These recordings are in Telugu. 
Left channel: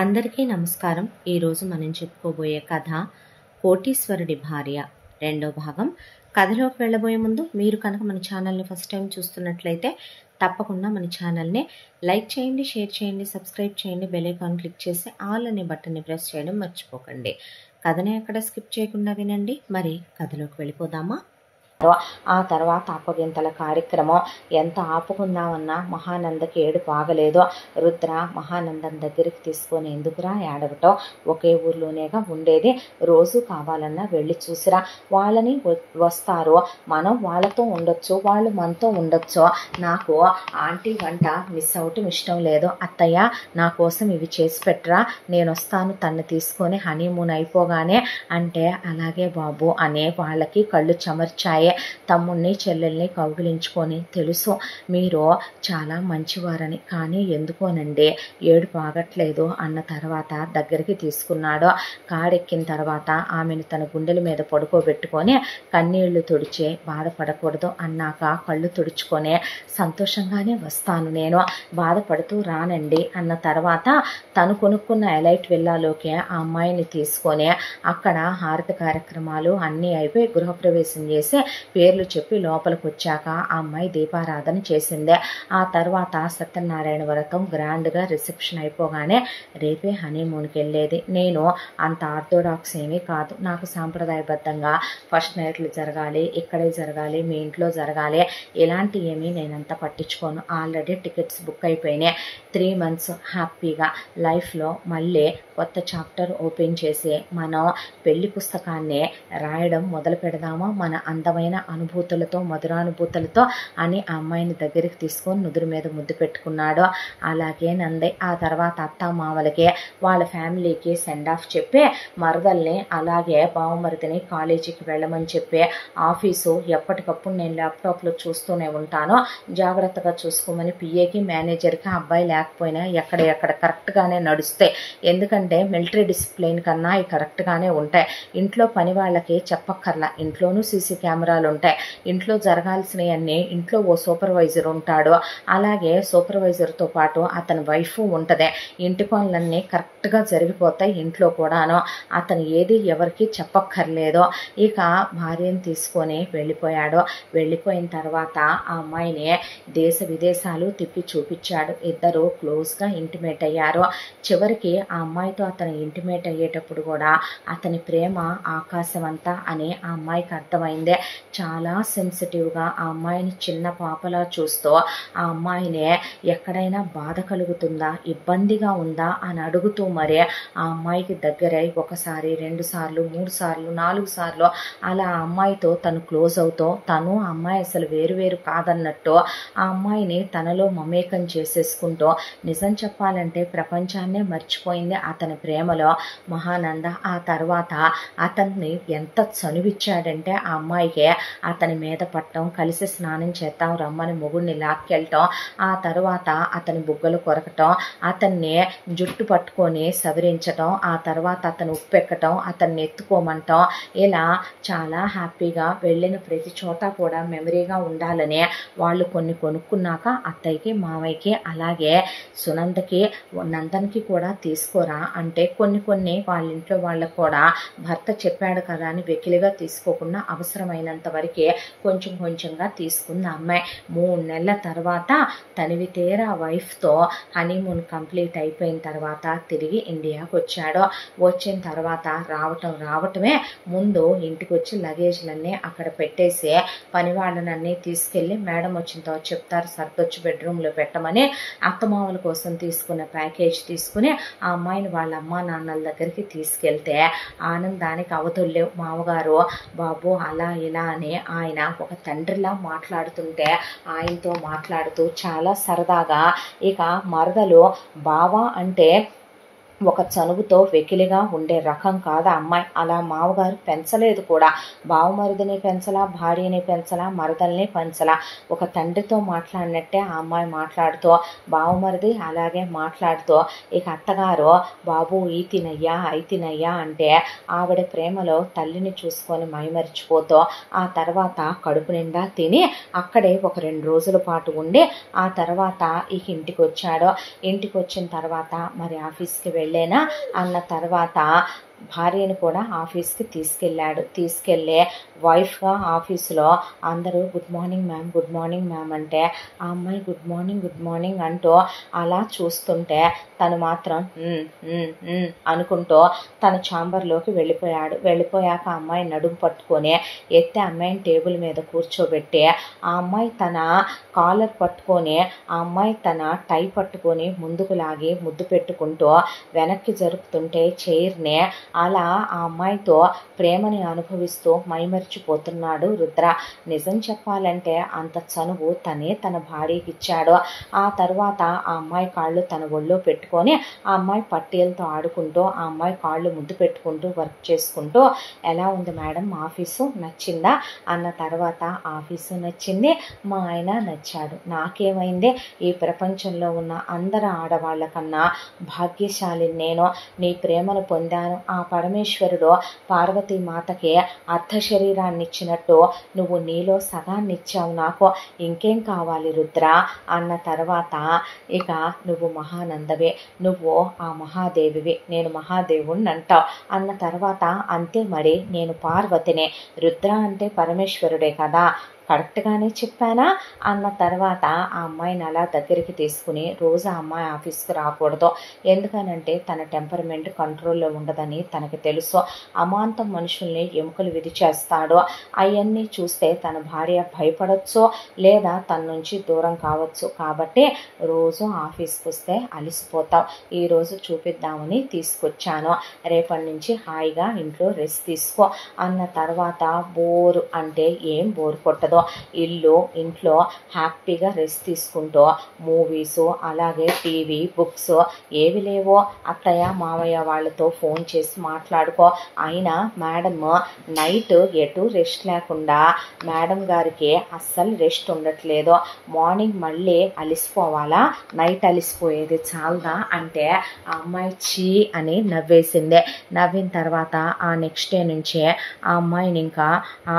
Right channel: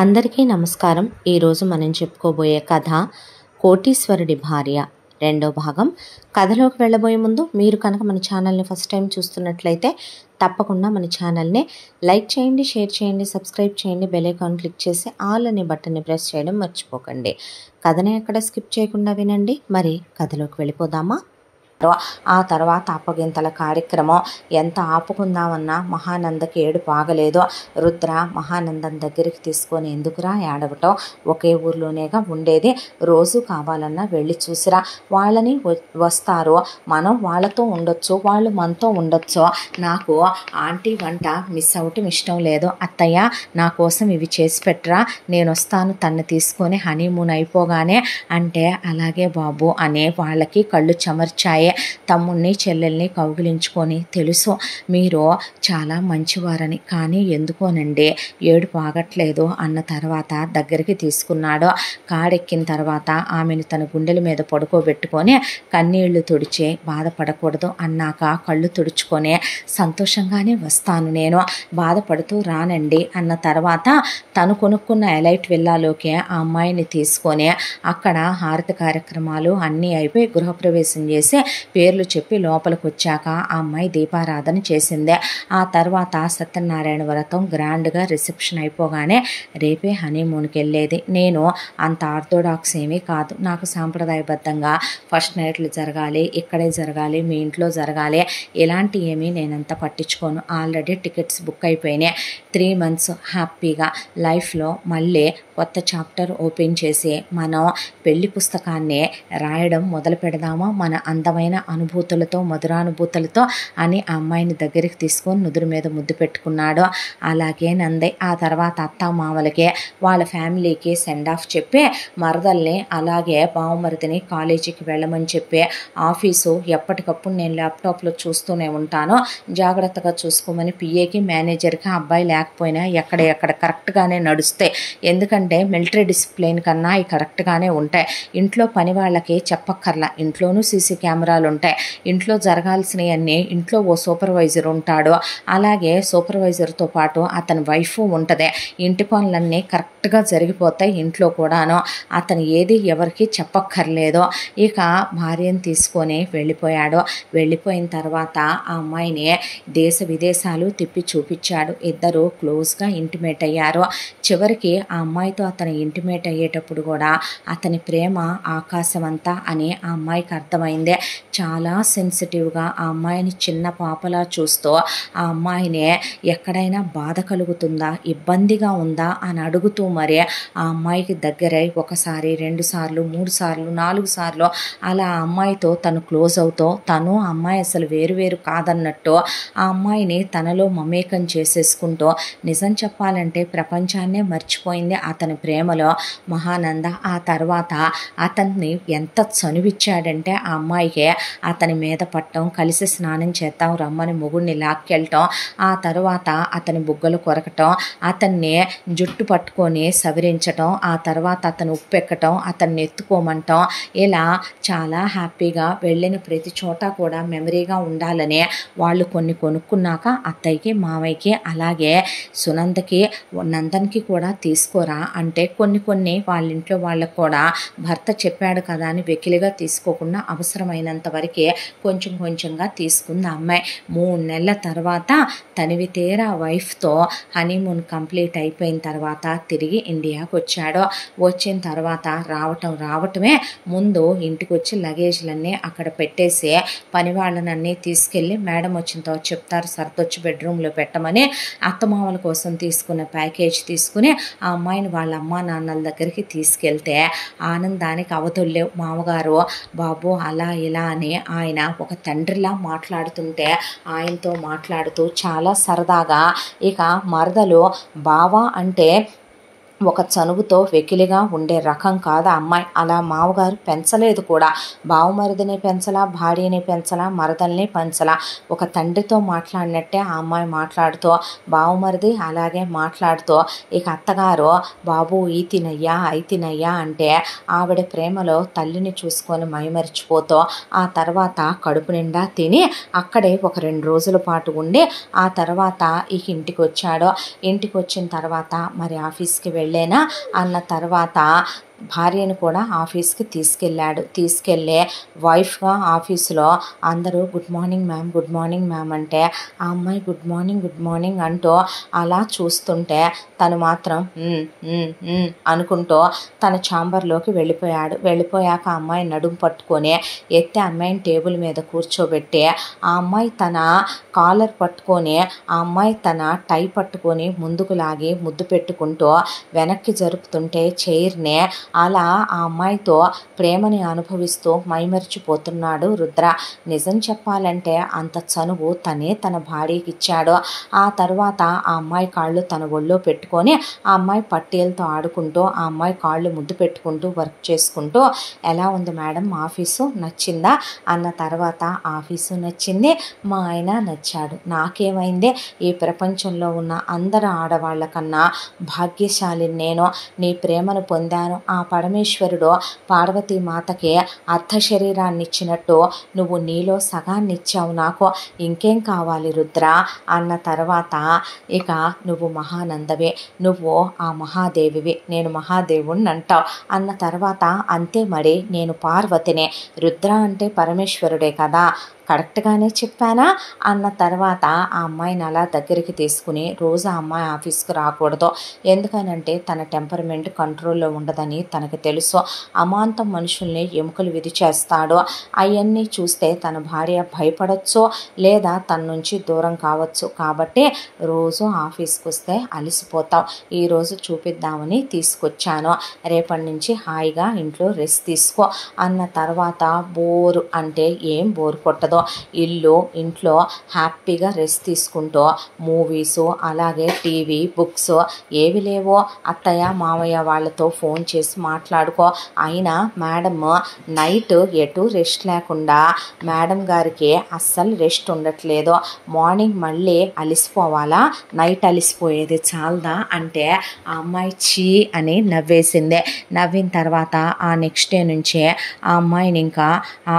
అందరికీ నమస్కారం. ఈరోజు మనం చెప్పుకోబోయే కథ కోటీశ్వరుడి భార్య రెండో భాగం. కథలోకి వెళ్ళబోయే ముందు మీరు కనుక మన ఛానల్ని ఫస్ట్ టైం చూస్తున్నట్లయితే తప్పకుండా మన ఛానల్ని లైక్ చేయండి, షేర్ చేయండి, సబ్స్క్రైబ్ చేయండి, బెల్ ఐకాన్ క్లిక్ చేసి ఆల్ అనే బటన్ని ప్రెస్ చేయడం మర్చిపోకండి. కథని ఎక్కడ స్కిప్ చేయకుండా వినండి. మరి కథలోకి వెళ్ళిపోదామా? ఆ తర్వాత అప్పగింతల కార్యక్రమం ఎంత ఆపుకుందామన్నా మహానందకి ఏడుపు ఆగలేదు. రుద్ర మహానందం దగ్గరికి తీసుకొని, ఎందుకురా ఏడవటం, ఒకే ఊర్లోనేగా ఉండేది, రోజు కావాలన్నా వెళ్ళి చూసిరా, వాళ్ళని వస్తారు, మనం వాళ్ళతో ఉండొచ్చు, వాళ్ళు మనతో ఉండొచ్చు, నాకు ఆంటీ వంట మిస్ అవటం ఇష్టం లేదు, అత్తయ్య నా కోసం ఇవి చేసి పెట్టరా, నేను వస్తాను తన్ని తీసుకొని హనీమూన్ అయిపోగానే అంటే, అలాగే బాబు అనే వాళ్ళకి కళ్ళు చెమర్చాయి. తమ్ముణ్ణి చెల్లెల్ని కౌగిలించుకొని, తెలుసు మీరు చాలా మంచివారని, కానీ ఎందుకోనండి ఏడుపు ఆగట్లేదు అన్న తర్వాత దగ్గరికి తీసుకున్నాడు. కాడెక్కిన తర్వాత ఆమెను తన గుండెల మీద పడుకోబెట్టుకొని కన్నీళ్లు తుడిచి, బాధపడకూడదు అన్నాక కళ్ళు తుడుచుకొని, సంతోషంగానే వస్తాను, నేను బాధపడుతూ రానండి అన్న తర్వాత తను కొనుక్కున్న ఎలైట్ విల్లాలోకి ఆ అమ్మాయిని తీసుకొని అక్కడ హారతి కార్యక్రమాలు అన్నీ అయిపోయి గృహప్రవేశం చేసి పేర్లు చెప్పి లోపలికి వచ్చాక ఆ అమ్మాయి దీపారాధన చేసిందే. ఆ తర్వాత సత్యనారాయణ వ్రతం గ్రాండ్గా రిసెప్షన్ అయిపోగానే రేపే హనీమూన్కి వెళ్ళేది. నేను అంత ఆర్థోడాక్స్ ఏమీ కాదు, నాకు సాంప్రదాయబద్ధంగా ఫస్ట్ నైట్లు జరగాలి, ఇక్కడే జరగాలి, మీ ఇంట్లో జరగాలి, ఇలాంటి ఏమీ నేనంత పట్టించుకోను. ఆల్రెడీ టికెట్స్ బుక్ అయిపోయినాయి. 3 months హ్యాపీగా లైఫ్లో మళ్ళీ కొత్త చాప్టర్ ఓపెన్ చేసి మనం పెళ్లి పుస్తకాన్ని రాయడం మొదలు పెడదామా, మన అందమైన అనుభూతులతో, మధురానుభూతులతో అని ఆ అమ్మాయిని దగ్గరికి తీసుకొని నుదురు మీద ముద్దు పెట్టుకున్నాడు. అలాగే నంది ఆ తర్వాత అత్తామామలకి వాళ్ళ ఫ్యామిలీకి సెండ్ ఆఫ్ చెప్పి, మరదల్ని అలాగే బావమరిదిని కాలేజీకి వెళ్ళమని చెప్పి, ఆఫీసు ఎప్పటికప్పుడు నేను ల్యాప్టాప్లో చూస్తూనే ఉంటాను, జాగ్రత్తగా చూసుకోమని పిఏకి మేనేజర్కి అబ్బాయి లేకపోయినా ఎక్కడ కరెక్ట్గానే నడుస్తాయి, ఎందుకంటే మిలిటరీ డిసిప్లిన్ కన్నా అవి కరెక్ట్గానే ఉంటాయి. ఇంట్లో పని వాళ్ళకి చెప్పక్కర్లా, ఇంట్లోనూ సీసీ కెమెరాలు ఉంటాయి, ఇంట్లో జరగాల్సినవన్నీ ఇంట్లో ఓ సూపర్వైజర్ ఉంటాడు, అలాగే సూపర్వైజర్తో పాటు అతని వైఫ్ ఉంటుంది, ఇంటి పనులన్నీ కరెక్ట్గా జరిగిపోతాయి ఇంట్లో కూడాను, అతను ఏది ఎవరికి చెప్పక్కర్లేదు. ఇక భార్యను తీసుకొని వెళ్ళిపోయాడు. వెళ్ళిపోయిన తర్వాత ఆ అమ్మాయిని దేశ విదేశాలు తిప్పి చూపించాడు. ఇద్దరు క్లోజ్గా ఇంటిమేట్ అయ్యారు. చివరికి ఆ అమ్మాయితో అతను ఇంటిమేట్ అయ్యేటప్పుడు కూడా అతని ప్రేమ ఆకాశమంతా అని ఆ అమ్మాయికి అర్థమైంది. చాలా సెన్సిటివ్గా ఆ అమ్మాయిని చిన్న పాపలా చూస్తూ ఆ అమ్మాయిని ఎక్కడైనా బాధ కలుగుతుందా, ఇబ్బందిగా ఉందా అని అడుగుతూ మరి ఆ అమ్మాయికి దగ్గరై 1 సారి 2 సార్లు 3 సార్లు 4 సార్లు అలా ఆ అమ్మాయితో తను క్లోజ్ అవుతూ, తను అమ్మాయి అసలు వేరు కాదన్నట్టు ఆ అమ్మాయిని తనలో మమేకం చేసేసుకుంటూ, నిజం చెప్పాలంటే ప్రపంచాన్నే మర్చిపోయింది అతని ప్రేమలో మహానంద. ఆ తర్వాత అతన్ని ఎంత చనువిచ్చాడంటే ఆ అమ్మాయికి అతని మీద పట్టడం, కలిసి స్నానం చేద్దాం రమ్మని మొగుడిని లాక్కెళ్ళటం, ఆ తర్వాత అతని బుగ్గలు కొరకటం, అతన్ని జుట్టు పట్టుకొని సవరించటం, ఆ తర్వాత అతను ఉప్పెక్కటం, అతన్ని ఎత్తుకోమంటాం, ఇలా చాలా హ్యాపీగా వెళ్ళిన ప్రతి చోట కూడా మెమరీగా ఉండాలని వాళ్ళు కొన్ని కొనుక్కున్నాక అత్తయ్యకి, మామయ్యకి, అలాగే సునందకి, నందన్కి కూడా తీసుకోరా అంటే కొన్ని వాళ్ళ ఇంట్లో వాళ్ళకు కూడా భర్త చెప్పాడు కదా అని వెకిలిగా తీసుకోకుండా అవసరమైనంత వరకే కొంచెంగా తీసుకుంది అమ్మాయి. 3 నెలల తర్వాత తనివి తీరా వైఫ్తో హనీమూన్ కంప్లీట్ అయిపోయిన తర్వాత తిరిగి ఇండియాకు వచ్చాడు. వచ్చిన తర్వాత రావటమే ముందు ఇంటికి వచ్చి లగేజ్లన్నీ అక్కడ పెట్టేసి పని వాళ్ళనన్నీ తీసుకెళ్ళి మేడం వచ్చిన తర్వాత చెప్తారు సర్దొచ్చి బెడ్రూమ్లో పెట్టమని అత్తమామల కోసం తీసుకున్న ప్యాకేజ్ తీసుకుని ఆ అమ్మాయిని వాళ్ళ అమ్మా నాన్నల దగ్గరికి తీసుకెళ్తే ఆనందానికి అవధుల్లేవు. మామగారు బాబు అలా ఇలా అని ఆయన ఒక తండ్రిలా మాట్లాడుతుంటే ఆయనతో మాట్లాడుతూ చాలా సరదాగా, ఇక మరదలు బావ అంటే ఒక చనువుతో వెకిలిగా ఉండే రకం కాదు అమ్మాయి. అలా మామగారు పెంచలేదు కూడా, బావమరిదిని పెంచలా, భార్యని పెంచలా, మరదల్ని పెంచలా, ఒక తండ్రితో మాట్లాడినట్టే ఆ అమ్మాయి మాట్లాడుతూ బావమరిది అలాగే మాట్లాడుతూ, ఇక అత్తగారు బాబు ఈ తినయ్యా అయి తినయ్యా అంటే ఆవిడ ప్రేమలో తల్లిని చూసుకొని మైమరిచిపోతూ ఆ తర్వాత కడుపు నిండా తిని అక్కడే ఒక 2 రోజుల పాటు ఉండి ఆ తర్వాత ఇక ఇంటికి వచ్చాడు. ఇంటికి వచ్చిన తర్వాత మరి ఆఫీస్కి వెళ్ళి వెళ్ళేనా అన్న తర్వాత భార్యను కూడా ఆఫీస్కి తీసుకెళ్ళే వైఫ్గా ఆఫీసులో అందరూ గుడ్ మార్నింగ్ మ్యామ్ అంటే ఆ అమ్మాయి గుడ్ మార్నింగ్ అంటూ అలా చూస్తుంటే తను మాత్రం అనుకుంటూ తన ఛాంబర్లోకి వెళ్ళిపోయాక ఆ అమ్మాయి నడుము పట్టుకొని ఎత్తే అమ్మాయిని టేబుల్ మీద కూర్చోబెట్టి ఆ అమ్మాయి తన కాలర్ పట్టుకొని ఆ అమ్మాయి తన టై పట్టుకొని ముందుకు లాగి ముద్దు పెట్టుకుంటూ వెనక్కి జరుపుతుంటే చైర్నే అలా ఆ అమ్మాయితో ప్రేమని అనుభవిస్తూ మైమరిచిపోతున్నాడు రుద్ర. నిజం చెప్పాలంటే అంత చనువు తనే తన భార్యకి ఇచ్చాడు. ఆ తర్వాత ఆ అమ్మాయి కాళ్ళు తన ఒళ్ళో పెట్టుకొని ఆ అమ్మాయి పట్టీలతో ఆడుకుంటూ ఆ అమ్మాయి కాళ్ళు ముద్దు పెట్టుకుంటూ వర్క్ చేసుకుంటూ ఎలా ఉంది మేడం ఆఫీసు నచ్చిందా అన్న తర్వాత ఆఫీసు నచ్చింది, మా ఆయన నచ్చాడు, నాకేమైంది, ఈ ప్రపంచంలో ఉన్న అందరు ఆడవాళ్ళ కన్నా భాగ్యశాలిని నేను, నీ ప్రేమను పొందాను. ఆ పరమేశ్వరుడు పార్వతీమాతకి అర్ధ శరీరాన్ని ఇచ్చినట్టు నువ్వు నీలో సగాన్ని ఇచ్చావు నాకు, ఇంకేం కావాలి రుద్ర అన్న తర్వాత ఇక నువ్వు మహానందవే, నువ్వు ఆ మహాదేవివి, నేను మహాదేవుణ్ణి అంటావు అన్న తర్వాత అంతే మరి నేను పార్వతినే, రుద్ర అంటే పరమేశ్వరుడే కదా, కరెక్ట్గానే చెప్పానా అన్న తర్వాత ఆ అమ్మాయిని అలా దగ్గరికి తీసుకుని రోజు ఆ అమ్మాయి ఆఫీస్కి రాకూడదు, ఎందుకనంటే తన టెంపర్మెంట్ కంట్రోల్లో ఉండదని తనకు తెలుసు, అమాంతం మనుషుల్ని ఎముకలు విధిచేస్తాడు, అవన్నీ చూస్తే తన భార్య భయపడవచ్చు లేదా తన నుంచి దూరం కావచ్చు, కాబట్టి రోజు ఆఫీస్కి వస్తే అలసిపోతాం, ఈరోజు చూపిద్దామని తీసుకొచ్చాను, రేపటి నుంచి హాయిగా ఇంట్లో రెస్ట్ తీసుకో అన్న తర్వాత బోరు అంటే ఏం బోరు కొట్టదు, ఇంట్లో హ్యాపీగా రెస్ట్ తీసుకుంటూ మూవీసు అలాగే టీవీ బుక్స్ ఏవి లేవో అత్తయ్య మామయ్య వాళ్ళతో ఫోన్ చేసి మాట్లాడుకో, అయినా మేడం నైట్ ఎటు రెస్ట్ లేకుండా మేడం గారికి అస్సలు రెస్ట్ ఉండట్లేదు, మార్నింగ్ మళ్ళీ అలిసిపోవాలా, నైట్ అలిసిపోయేది చాలదా అంటే ఆ అమ్మాయి చీ అని నవ్వేసిందే. నవ్విన తర్వాత ఆ నెక్స్ట్ డే నుంచే ఆ అమ్మాయిని ఇంకా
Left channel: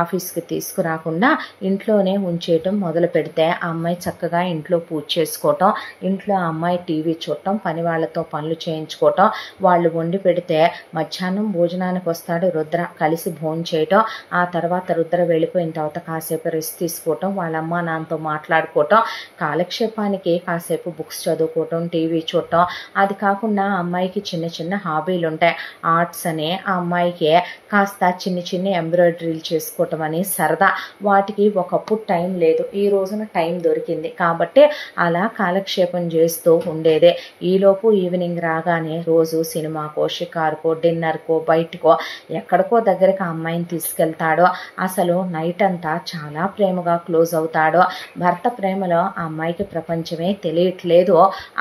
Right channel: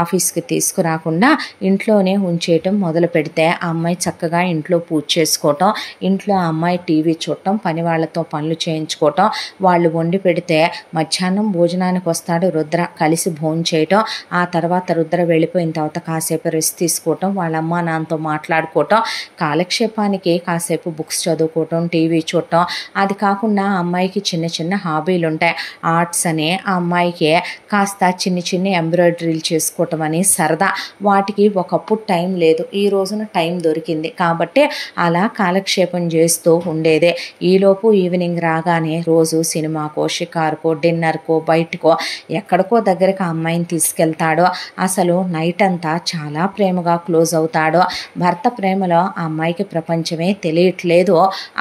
ఆఫీస్కి తీసుకురాకుండా ఇంట్లోనే ఉంచేయటం మొదలు పెడితే ఆ అమ్మాయి చక్కగా ఇంట్లో పూజ చేసుకోవటం, ఇంట్లో ఆ అమ్మాయి టీవీ చూడటం, పని వాళ్ళతో పనులు చేయించుకోవటం, వాళ్ళు వండి పెడితే మధ్యాహ్నం భోజనానికి వస్తాడు రుద్ర, కలిసి భోజనం చేయటం, ఆ తర్వాత రుద్ర వెళ్ళిపోయిన తర్వాత కాసేపు రెస్ట్ తీసుకోవటం, వాళ్ళ అమ్మ నాన్నతో మాట్లాడుకోవటం, కాలక్షేపానికి కాసేపు బుక్స్ చదువుకోవటం, టీవీ చూడటం, అది కాకుండా ఆ అమ్మాయికి చిన్న చిన్న హాబీలు ఉంటాయి, ఆర్ట్స్ అని ఆ అమ్మాయికి కాస్త చిన్న ఎంబ్రాయిడరీలు చేసుకోవటం అని సరదా, వాటికి ఒకప్పుడు టైం లేదు, ఈ రోజున టైం దొరికింది కాబట్టి అలా కాలక్షేపం చేస్తూ ఉండేదే. ఈలోపు ఈవినింగ్ రాగానే రోజు సినిమాకో షికారుకో డిన్నర్కో బయటకో ఎక్కడికో దగ్గరికి ఆ అమ్మాయిని తీసుకెళ్తాడో, అసలు నైట్ అంతా చాలా ప్రేమగా క్లోజ్ అవుతాడో, భర్త ప్రేమలో ఆ అమ్మాయికి ప్రపంచమే తెలియట్లేదు.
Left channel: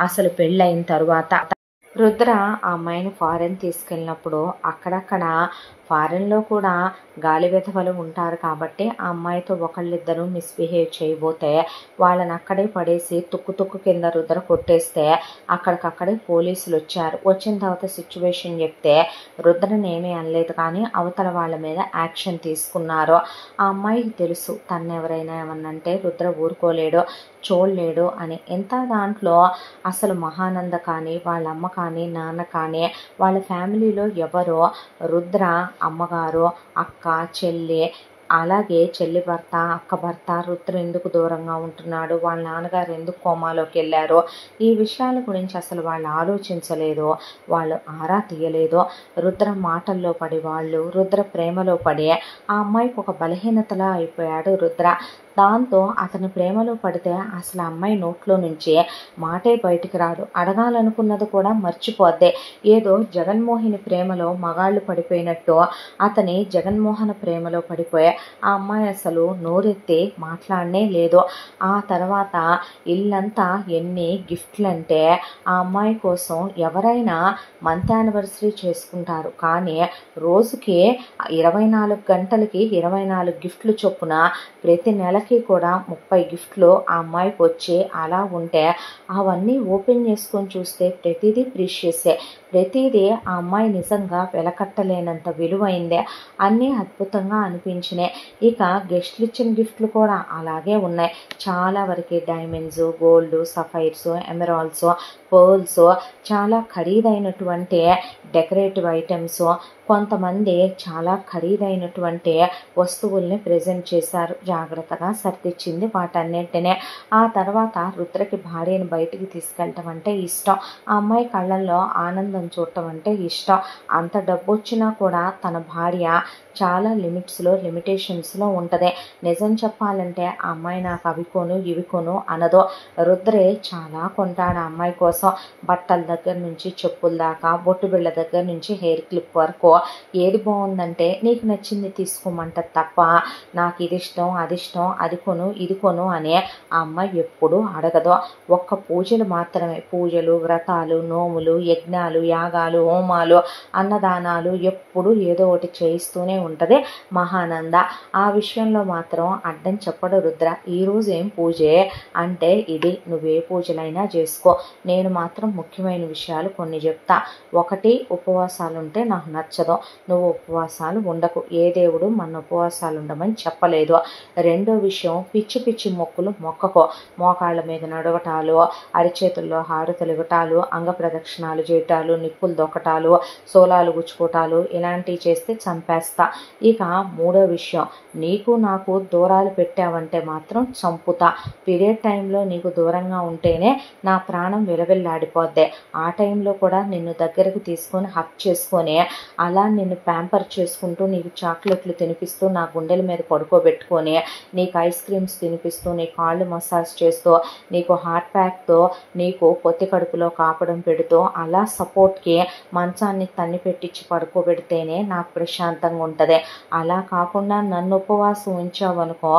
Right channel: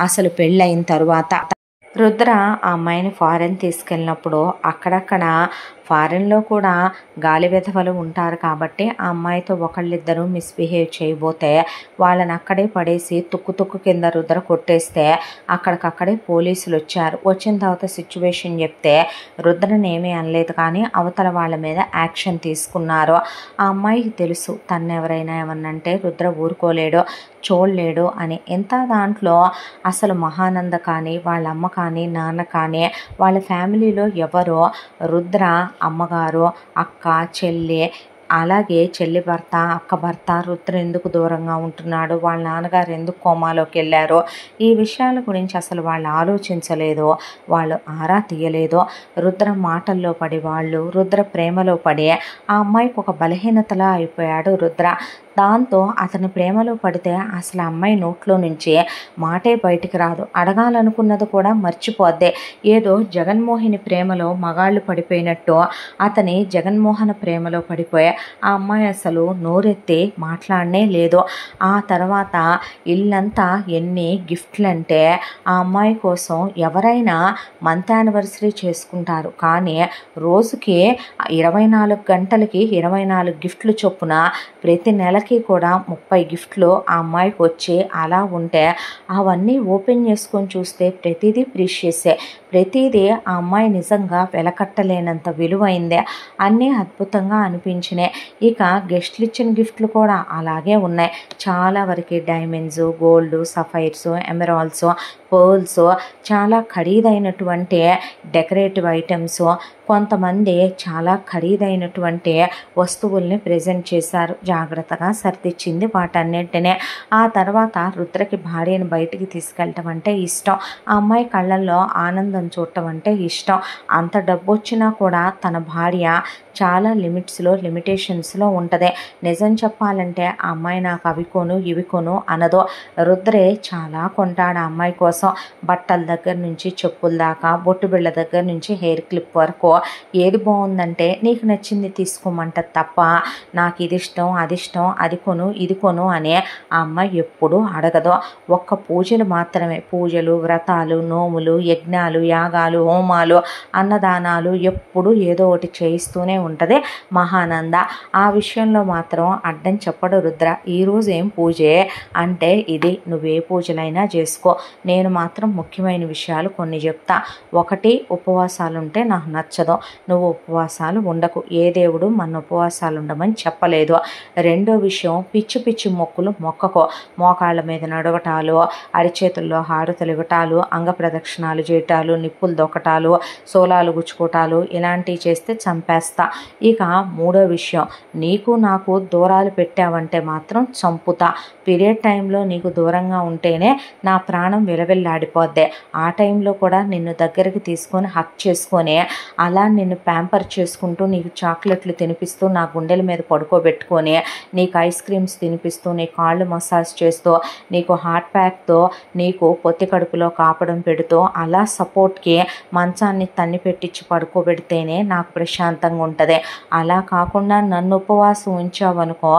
అసలు పెళ్ళయిన తరువాత రుద్ర ఆ అమ్మాయిని ఫారెన్ తీసుకెళ్ళినప్పుడు అక్కడక్కడ ఫారెన్లో కూడా గాలి వెధవలు ఉంటారు కాబట్టి ఆ అమ్మాయితో ఒకళ్ళిద్దరూ మిస్బిహేవ్ చేయబోతే వాళ్ళని అక్కడే పడేసి తుక్కు కింద రుద్ర కొట్టేస్తే అక్కడికక్కడే పోలీసులు వచ్చారు. వచ్చిన తర్వాత సిచ్యువేషన్ చెప్తే రుద్రని ఏమీ అనలేదు కానీ అవతల వాళ్ళ మీద యాక్షన్ తీసుకున్నారు. ఆ అమ్మాయికి తెలుసు తను ఎవరైనా ఏమన్నంటే రుద్ర ఊరుకోలేడు చూడలేడు అని. ఎంత దాంట్లో అసలు మహానంద కానీ వాళ్ళ అమ్మ కానీ నాన్న కానీ వాళ్ళ ఫ్యామిలీలో ఎవరో రుద్ర అమ్మగారు అక్క చెల్లి అలాగే చెల్లి భర్త అక్క భర్త రుద్ర ఎందుకు దూరంగా ఉంటున్నాడు, వాళ్ళ నాన్నగారు ఎందుకు కోమాలోకి వెళ్ళారో ఈ విషయాల గురించి అసలు వాళ్ళు ఆలోచించలేదో, వాళ్ళు ఆరా తీయలేదో. రుద్ర మాటల్లో పడి వాళ్ళు రుద్ర ప్రేమలో పడి ఆ అమ్మాయికి ఒక బలహీనతలా అయిపోయాడు రుద్ర. దాంతో అతని ప్రేమలో పడితే అసలు అమ్మాయి నోట్లో నుంచి మాటే బయటికి రాదు, అడగాలనుకున్నది కూడా మర్చిపోద్దే. ఏదో జగన్మోహిని ప్రేమలో మగాళ్ళు పడిపోయినట్టు అతని జగన్మోహన ప్రేమలో పడిపోయా ఆ అమ్మాయి అసలు నోరెత్తి మాట్లాడనే లేదు. ఆ తర్వాత ఇల్లంతా ఎన్ని గిఫ్ట్లంటే ఆ అమ్మాయి కోసం ఎవరైనా మంత్ యానివర్సరీ చేసుకుంటారు కానీ రోజుకి 24 గంటలకి 24 గిఫ్ట్లు చొప్పున ప్రతి నెలకి నెలకి కూడా 30 గిఫ్ట్లు ఆ అమ్మాయికి వచ్చి అలా ఉంటే అవన్నీ ఓపెన్ చేసుకొని చూస్తే ప్రతిదీ ప్రీషియసే. ప్రతిదీ ఆ అమ్మాయి నిజంగా వెలకట్టలేనంత విలువైందే. అన్నీ అద్భుతంగా అనిపించినాయి. ఇక గెస్ట్లు ఇచ్చిన గిఫ్ట్లు కూడా అలాగే ఉన్నాయి. చాలా వరకు diamonds, gold, sapphires, emeralds, pearls, చాలా ఖరీదైనటువంటి డెకరేటివ్ ఐటమ్స్, కొంతమంది చాలా ఖరీదైనటువంటి వస్తువుల్ని ప్రజెంట్ చేశారు. జాగ్రత్తగా సర్దిచ్చింది వాటన్నింటినే. ఆ తర్వాత రుద్రకి భార్యను బయటికి తీసుకెళ్ళటం అంటే ఇష్టం. ఆ అమ్మాయి కళ్ళల్లో ఆనందం చూడటం అంటే ఇష్టం. అంత డబ్బు వచ్చినా కూడా తన భార్య చాలా లిమిటేషన్స్లో ఉంటుంది. నిజం చెప్పాలంటే ఆ అమ్మాయి నాకు అవి కొను ఇవి కొను అనదో. రుద్రే చాలా కొంటాడు ఆ అమ్మాయి కోసం. బట్టల దగ్గర నుంచి చెప్పుల దాకా, బొట్టు బిళ్ళ దగ్గర నుంచి హెయిర్ క్లిప్ వరకు ఏది బాగుందంటే నీకు నచ్చింది తీసుకోమంటది తప్ప నాకు ఇది ఇష్టం అది ఇష్టం అది కొను ఇది కొను అనే ఆ అమ్మాయి ఎప్పుడూ అడగదు. ఒక్క పూజలు మాత్రమే, పూజలు, వ్రతాలు, నోములు, యజ్ఞాలు, యాగాలు, హోమాలు, అన్నదానాలు ఎప్పుడు ఏదో ఒకటి చేయిస్తూనే ఉంటుంది మహానంద. ఆ విషయంలో మాత్రం అడ్డం చెప్పడు రుద్ర. ఈరోజు ఏం పూజే అంటే ఇది, నువ్వే పూజలైనా చేసుకో, నేను మాత్రం ముఖ్యమైన విషయాలు కొన్ని చెప్తా. ఒకటి, ఉపవాసాలు ఉంటే నాకు నచ్చదు, నువ్వు ఉపవాసాలు ఉండకు, ఏ దేవుడు మన ఉపవాసాలు ఉండమని చెప్పలేదు. రెండో విషయం, పిచ్చి పిచ్చి మొక్కులు మొక్కకో. మోకాళ్ళ మీద నడవటాలు, అరిచేతుల్లో హారతులు ఇవ్వటాలు, అంగ ప్రదక్షిణాలు చేయటాలు, నిప్పులు దొక్కటాలు, సోలాలు గుచ్చుకోటాలు ఇలాంటివి చేస్తే చంపేస్తా. ఇక మూడో విషయం, నీకు నాకు దూరాలు పెట్టావంటే మాత్రం చంపుతా. పీరియడ్ టైంలో నీకు దూరంగా ఉంటేనే నా ప్రాణం విలవిల్లాడిపోద్ది. ఆ టైంలో కూడా నిన్ను దగ్గరికి తీసుకొని హక్ చేసుకొని అలా నిన్ను ప్యాంపర్ చేసుకుంటూ నీకు చాక్లెట్లు తినిపిస్తూ నా గుండెల మీద పడుకోబెట్టుకొని నీకు ఐస్ క్రీమ్స్ తినిపిస్తూ నీ కాళ్ళు మసాజ్ చేస్తూ నీకు హాట్ ప్యాక్తో నీకు పొత్తి కడుపులో కాపడం పెడుతూ అలా సపోర్ట్కి మంచాన్ని తన్ని పెట్టించి పడుకోబెడితేనే నాకు ప్రశాంతంగా ఉంటుంది. అలా కాకుండా నన్ను ఉపవాసం ఉంచావనుకో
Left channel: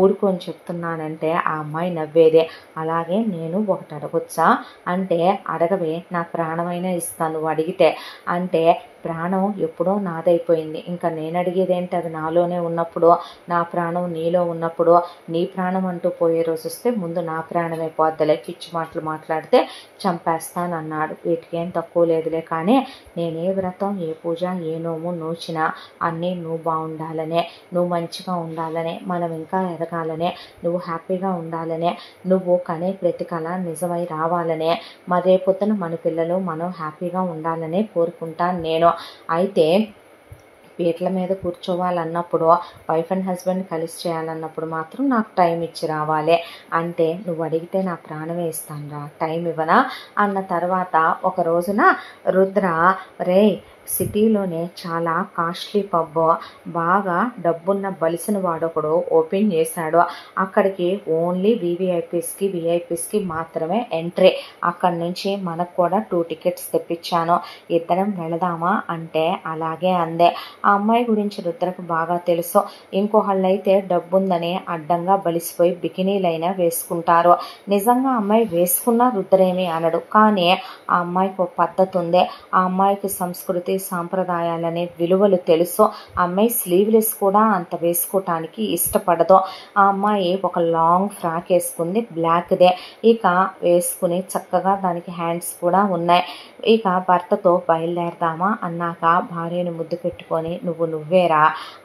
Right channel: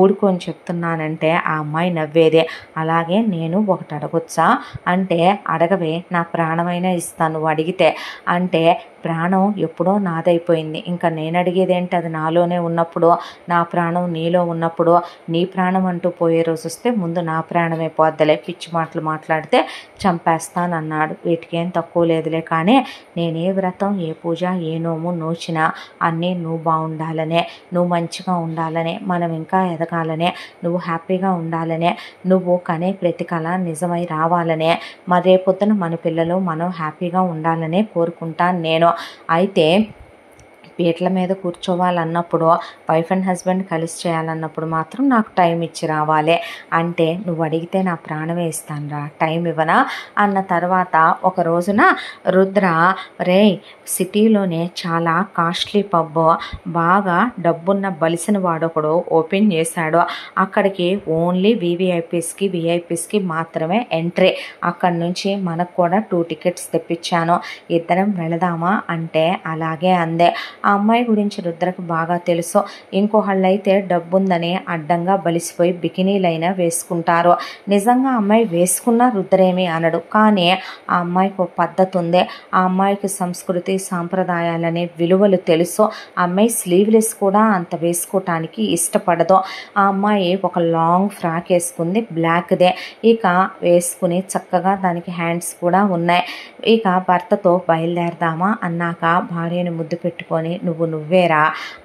ఊడుకొని చెప్తున్నానంటే ఆ అమ్మాయి నవ్వేదే. అలాగే నేను ఒకటి అడగొచ్చా అంటే అడగవే, నా ప్రాణమైనా ఇస్తాను నువ్వు అడిగితే అంటే ప్రాణం ఎప్పుడో నాదైపోయింది, ఇంకా నేను అడిగేదేంటి, అది నాలోనే ఉన్నప్పుడు, నా ప్రాణం నీలో ఉన్నప్పుడు, నీ ప్రాణం అంటూ పోయే రోజు వస్తే ముందు నా ప్రాణమే పోద్దలే, పిచ్చి మాటలు మాట్లాడితే చంపేస్తానన్నాడు. వీటికేం తక్కువ లేదులే, కానీ నేనే వ్రతం ఏ పూజ ఏ నోము నోచినా అన్నీ నువ్వు బాగుండాలనే, నువ్వు మంచిగా ఉండాలనే, మనం ఇంకా ఎదగాలనే, నువ్వు హ్యాపీగా ఉండాలనే, నువ్వు కనే ప్రతి కళ నిజమై రావాలనే, రేపొద్దున మన పిల్లలు మనం హ్యాపీగా ఉండాలనే కోరుకుంటాను నేను. అయితే పీటల మీద కూర్చోవాలన్నప్పుడు, వైఫ్ అండ్ హస్బెండ్ కలిసి చేయాలన్నప్పుడు మాత్రం నాకు టైం ఇచ్చి రావాలి అంటే నువ్వు అడిగితే నా ప్రాణమే ఇస్తాను రా, టైం ఇవ్వనా అన్న తర్వాత ఒక రోజున రుద్ర, రే సిటీలోనే చాలా కాస్ట్లీ పబ్, బాగా డబ్బున్న బలిసిన వాడొకడు ఓపెన్ చేశాడు. అక్కడికి ఓన్లీ విఐపీస్కి మాత్రమే ఎంట్రీ. అక్కడి నుంచి మనకు కూడా 2 టికెట్స్ తెప్పించాను, ఇద్దరం వెళదామా అంటే అలాగే అందే. ఆ అమ్మాయి గురించి రుద్రకు బాగా తెలుసు. ఇంకోళ్ళైతే డబ్బుందని అడ్డంగా బలిసిపోయి బికినీలైనా వేసుకుంటారు. నిజంగా అమ్మాయి వేసుకున్నా రుద్రేమీ అనడు. కానీ ఆ అమ్మాయికి ఒక పద్ధతి ఉంది. ఆ అమ్మాయికి సంస్కృతి సాంప్రదాయాలనే విలువలు తెలుసు. ఆ అమ్మాయి స్లీవ్లెస్ కూడా అంత వేసుకోవటానికి ఇష్టపడదు. ఆ అమ్మాయి ఒక లాంగ్ ఫ్రాక్ వేసుకుంది, బ్లాక్దే. ఇక వేసుకుని చక్కగా దానికి హ్యాండ్స్ కూడా ఉన్నాయి. ఇక భర్తతో బయలుదేరదామా అన్నాక భార్యను ముద్దు పెట్టుకొని నువ్వేరా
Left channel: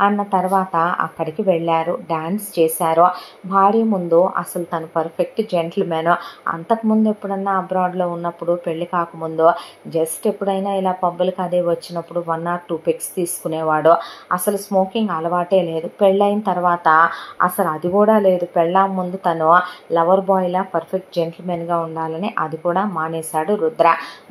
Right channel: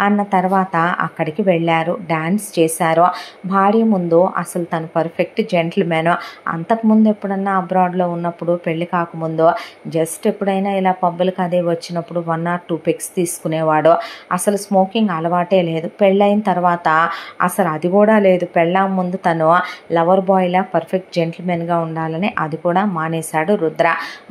అన్న తర్వాత అక్కడికి వెళ్ళారు, డాన్స్ చేశారు. భార్య ముందు అసలు తను పర్ఫెక్ట్ జెంటిల్మెన్. అంతకుముందు ఎప్పుడన్నా అబ్రాడ్లో ఉన్నప్పుడు, పెళ్లి కాకముందు జస్ట్ ఎప్పుడైనా ఇలా పబ్బులకు అదే వచ్చినప్పుడు 1 or 2 పెగ్స్ తీసుకునేవాడు. అసలు స్మోకింగ్ అలవాటే లేదు. పెళ్ళైన తర్వాత అసలు అది కూడా లేదు. పెళ్ళాం ముందు తను లవర్ బాయ్లా పర్ఫెక్ట్ జెంటిల్మెన్గా ఉండాలని అది కూడా మానేశాడు రుద్ర.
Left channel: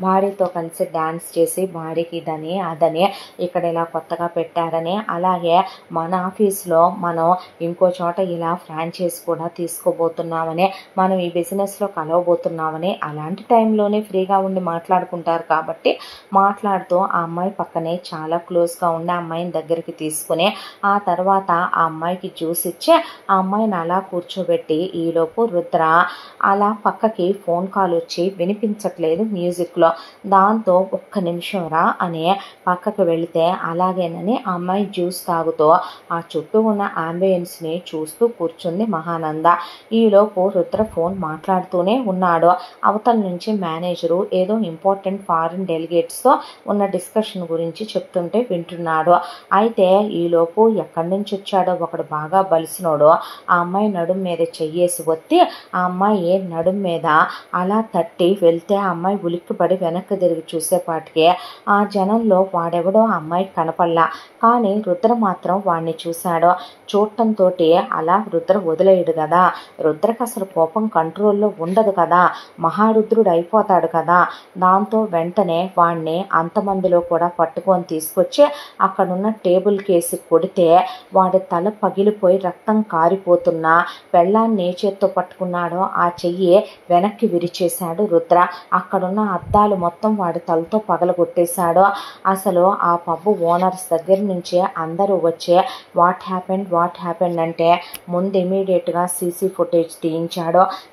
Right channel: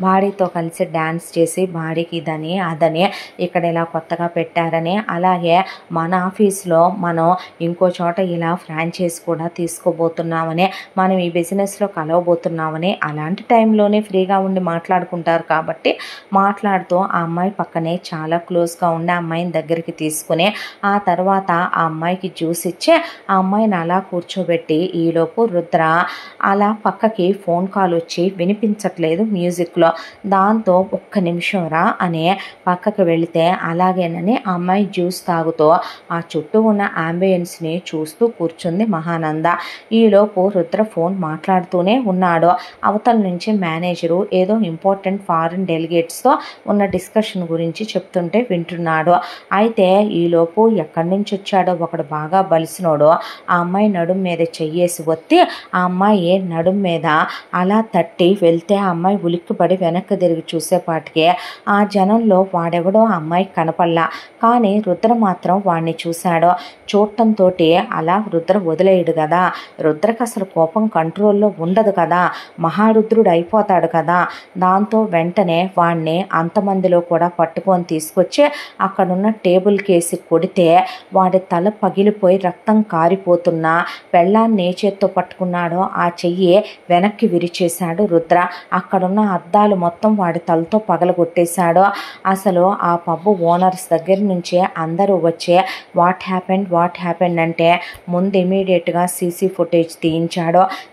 భార్యతో కలిసి డ్యాన్స్ చేసి భార్యకి ఇదని అదని ఇక్కడ ఇలా కొత్తగా పెట్టారని, అలాగే మన ఆఫీస్లో మనం ఇంకో చోట ఇలా ఫ్రాంచైజ్ కూడా తీసుకోబోతున్నామని, మనం ఈ బిజినెస్లో కలవబోతున్నామని, అలాంటి టైంలోనే ఫ్రీగా ఉండి మాట్లాడుకుంటారు కాబట్టి మాట్లాడుతూ ఆ అమ్మాయి పక్కనే చాలా క్లోజ్గా ఉండి ఆ అమ్మాయిని దగ్గరికి తీసుకుని ఆ తర్వాత ఆ అమ్మాయికి జ్యూస్ ఇచ్చి ఆ అమ్మాయిని అలా కూర్చోబెట్టి, ఈలోపు రుద్ర అలా పక్కకి ఫోన్ కాల్ వచ్చి వినిపించట్లేదు మ్యూజిక్లో. దాంతో ఒక్క నిమిషం రా అని పక్కకి వెళితే అలాగే సరేనని ఆ అమ్మాయి జ్యూస్ తాగుతూ ఆ చుట్టూ ఉన్న అంబియన్స్ని చూస్తూ కూర్చుంది మహానంద. ఈలోపు రుద్ర ఫోన్ మాట్లాడుతూనే ఉన్నాడు. అవతల నుంచి మేనేజరు ఏదో ఇంపార్టెంట్ ఫారిన్ డెలిగేట్స్తో ఉన్న డిస్కషన్ గురించి చెప్తుంటే వింటున్నాడు. అయితే ఈలోపు ఎక్కడి నుంచి వచ్చాడో ఒకడు బాగా బలిసినోడు ఆ అమ్మాయి నడుం మీద చెయ్యేసి ఒత్తి ఆ అమ్మాయి నడుం మీద అలా తట్టి వెళ్తే ఆ అమ్మాయి ఉలిక్కిపడి వెనక్కి తిరిగి చూసేపాటికి ఆ జనంలో వాడెవడో ఆ అమ్మాయికి కనపల్లా. కానీ రుద్ర మాత్రం వాడిని చూశాడు. చూడటంతో అలా రుద్ర వదిలేయడు కదా, రుద్రకు అసలు కోపం కంట్రోల్లో ఉండదు కదా, మహారుద్రుడు అయిపోతాడు కదా. దాంతో వెంటనే వాడిని అంతమందిలో కూడా పట్టుకొని తీసుకొచ్చి అక్కడున్న టేబుల్ కేసి కొడితే వాడి తల పగిలిపోయి రక్తం కారిపోతున్నా పెళ్ళాన్ని ఏ చేత్తో పట్టుకున్నాడో ఆ చెయ్యి వెనక్కి విరిచేశాడు రుద్ర. అక్కడున్న అద్దాలు మొత్తం వాడి తలతో పగలగొట్టేశాడు. అసలు ఆ పబ్బు ఓనర్స్ దగ్గర నుంచే అందరూ వచ్చే వాట్ హ్యాపెండ్ అంటే ముందు ఇమీడియట్గా సీసీ ఫుటేజ్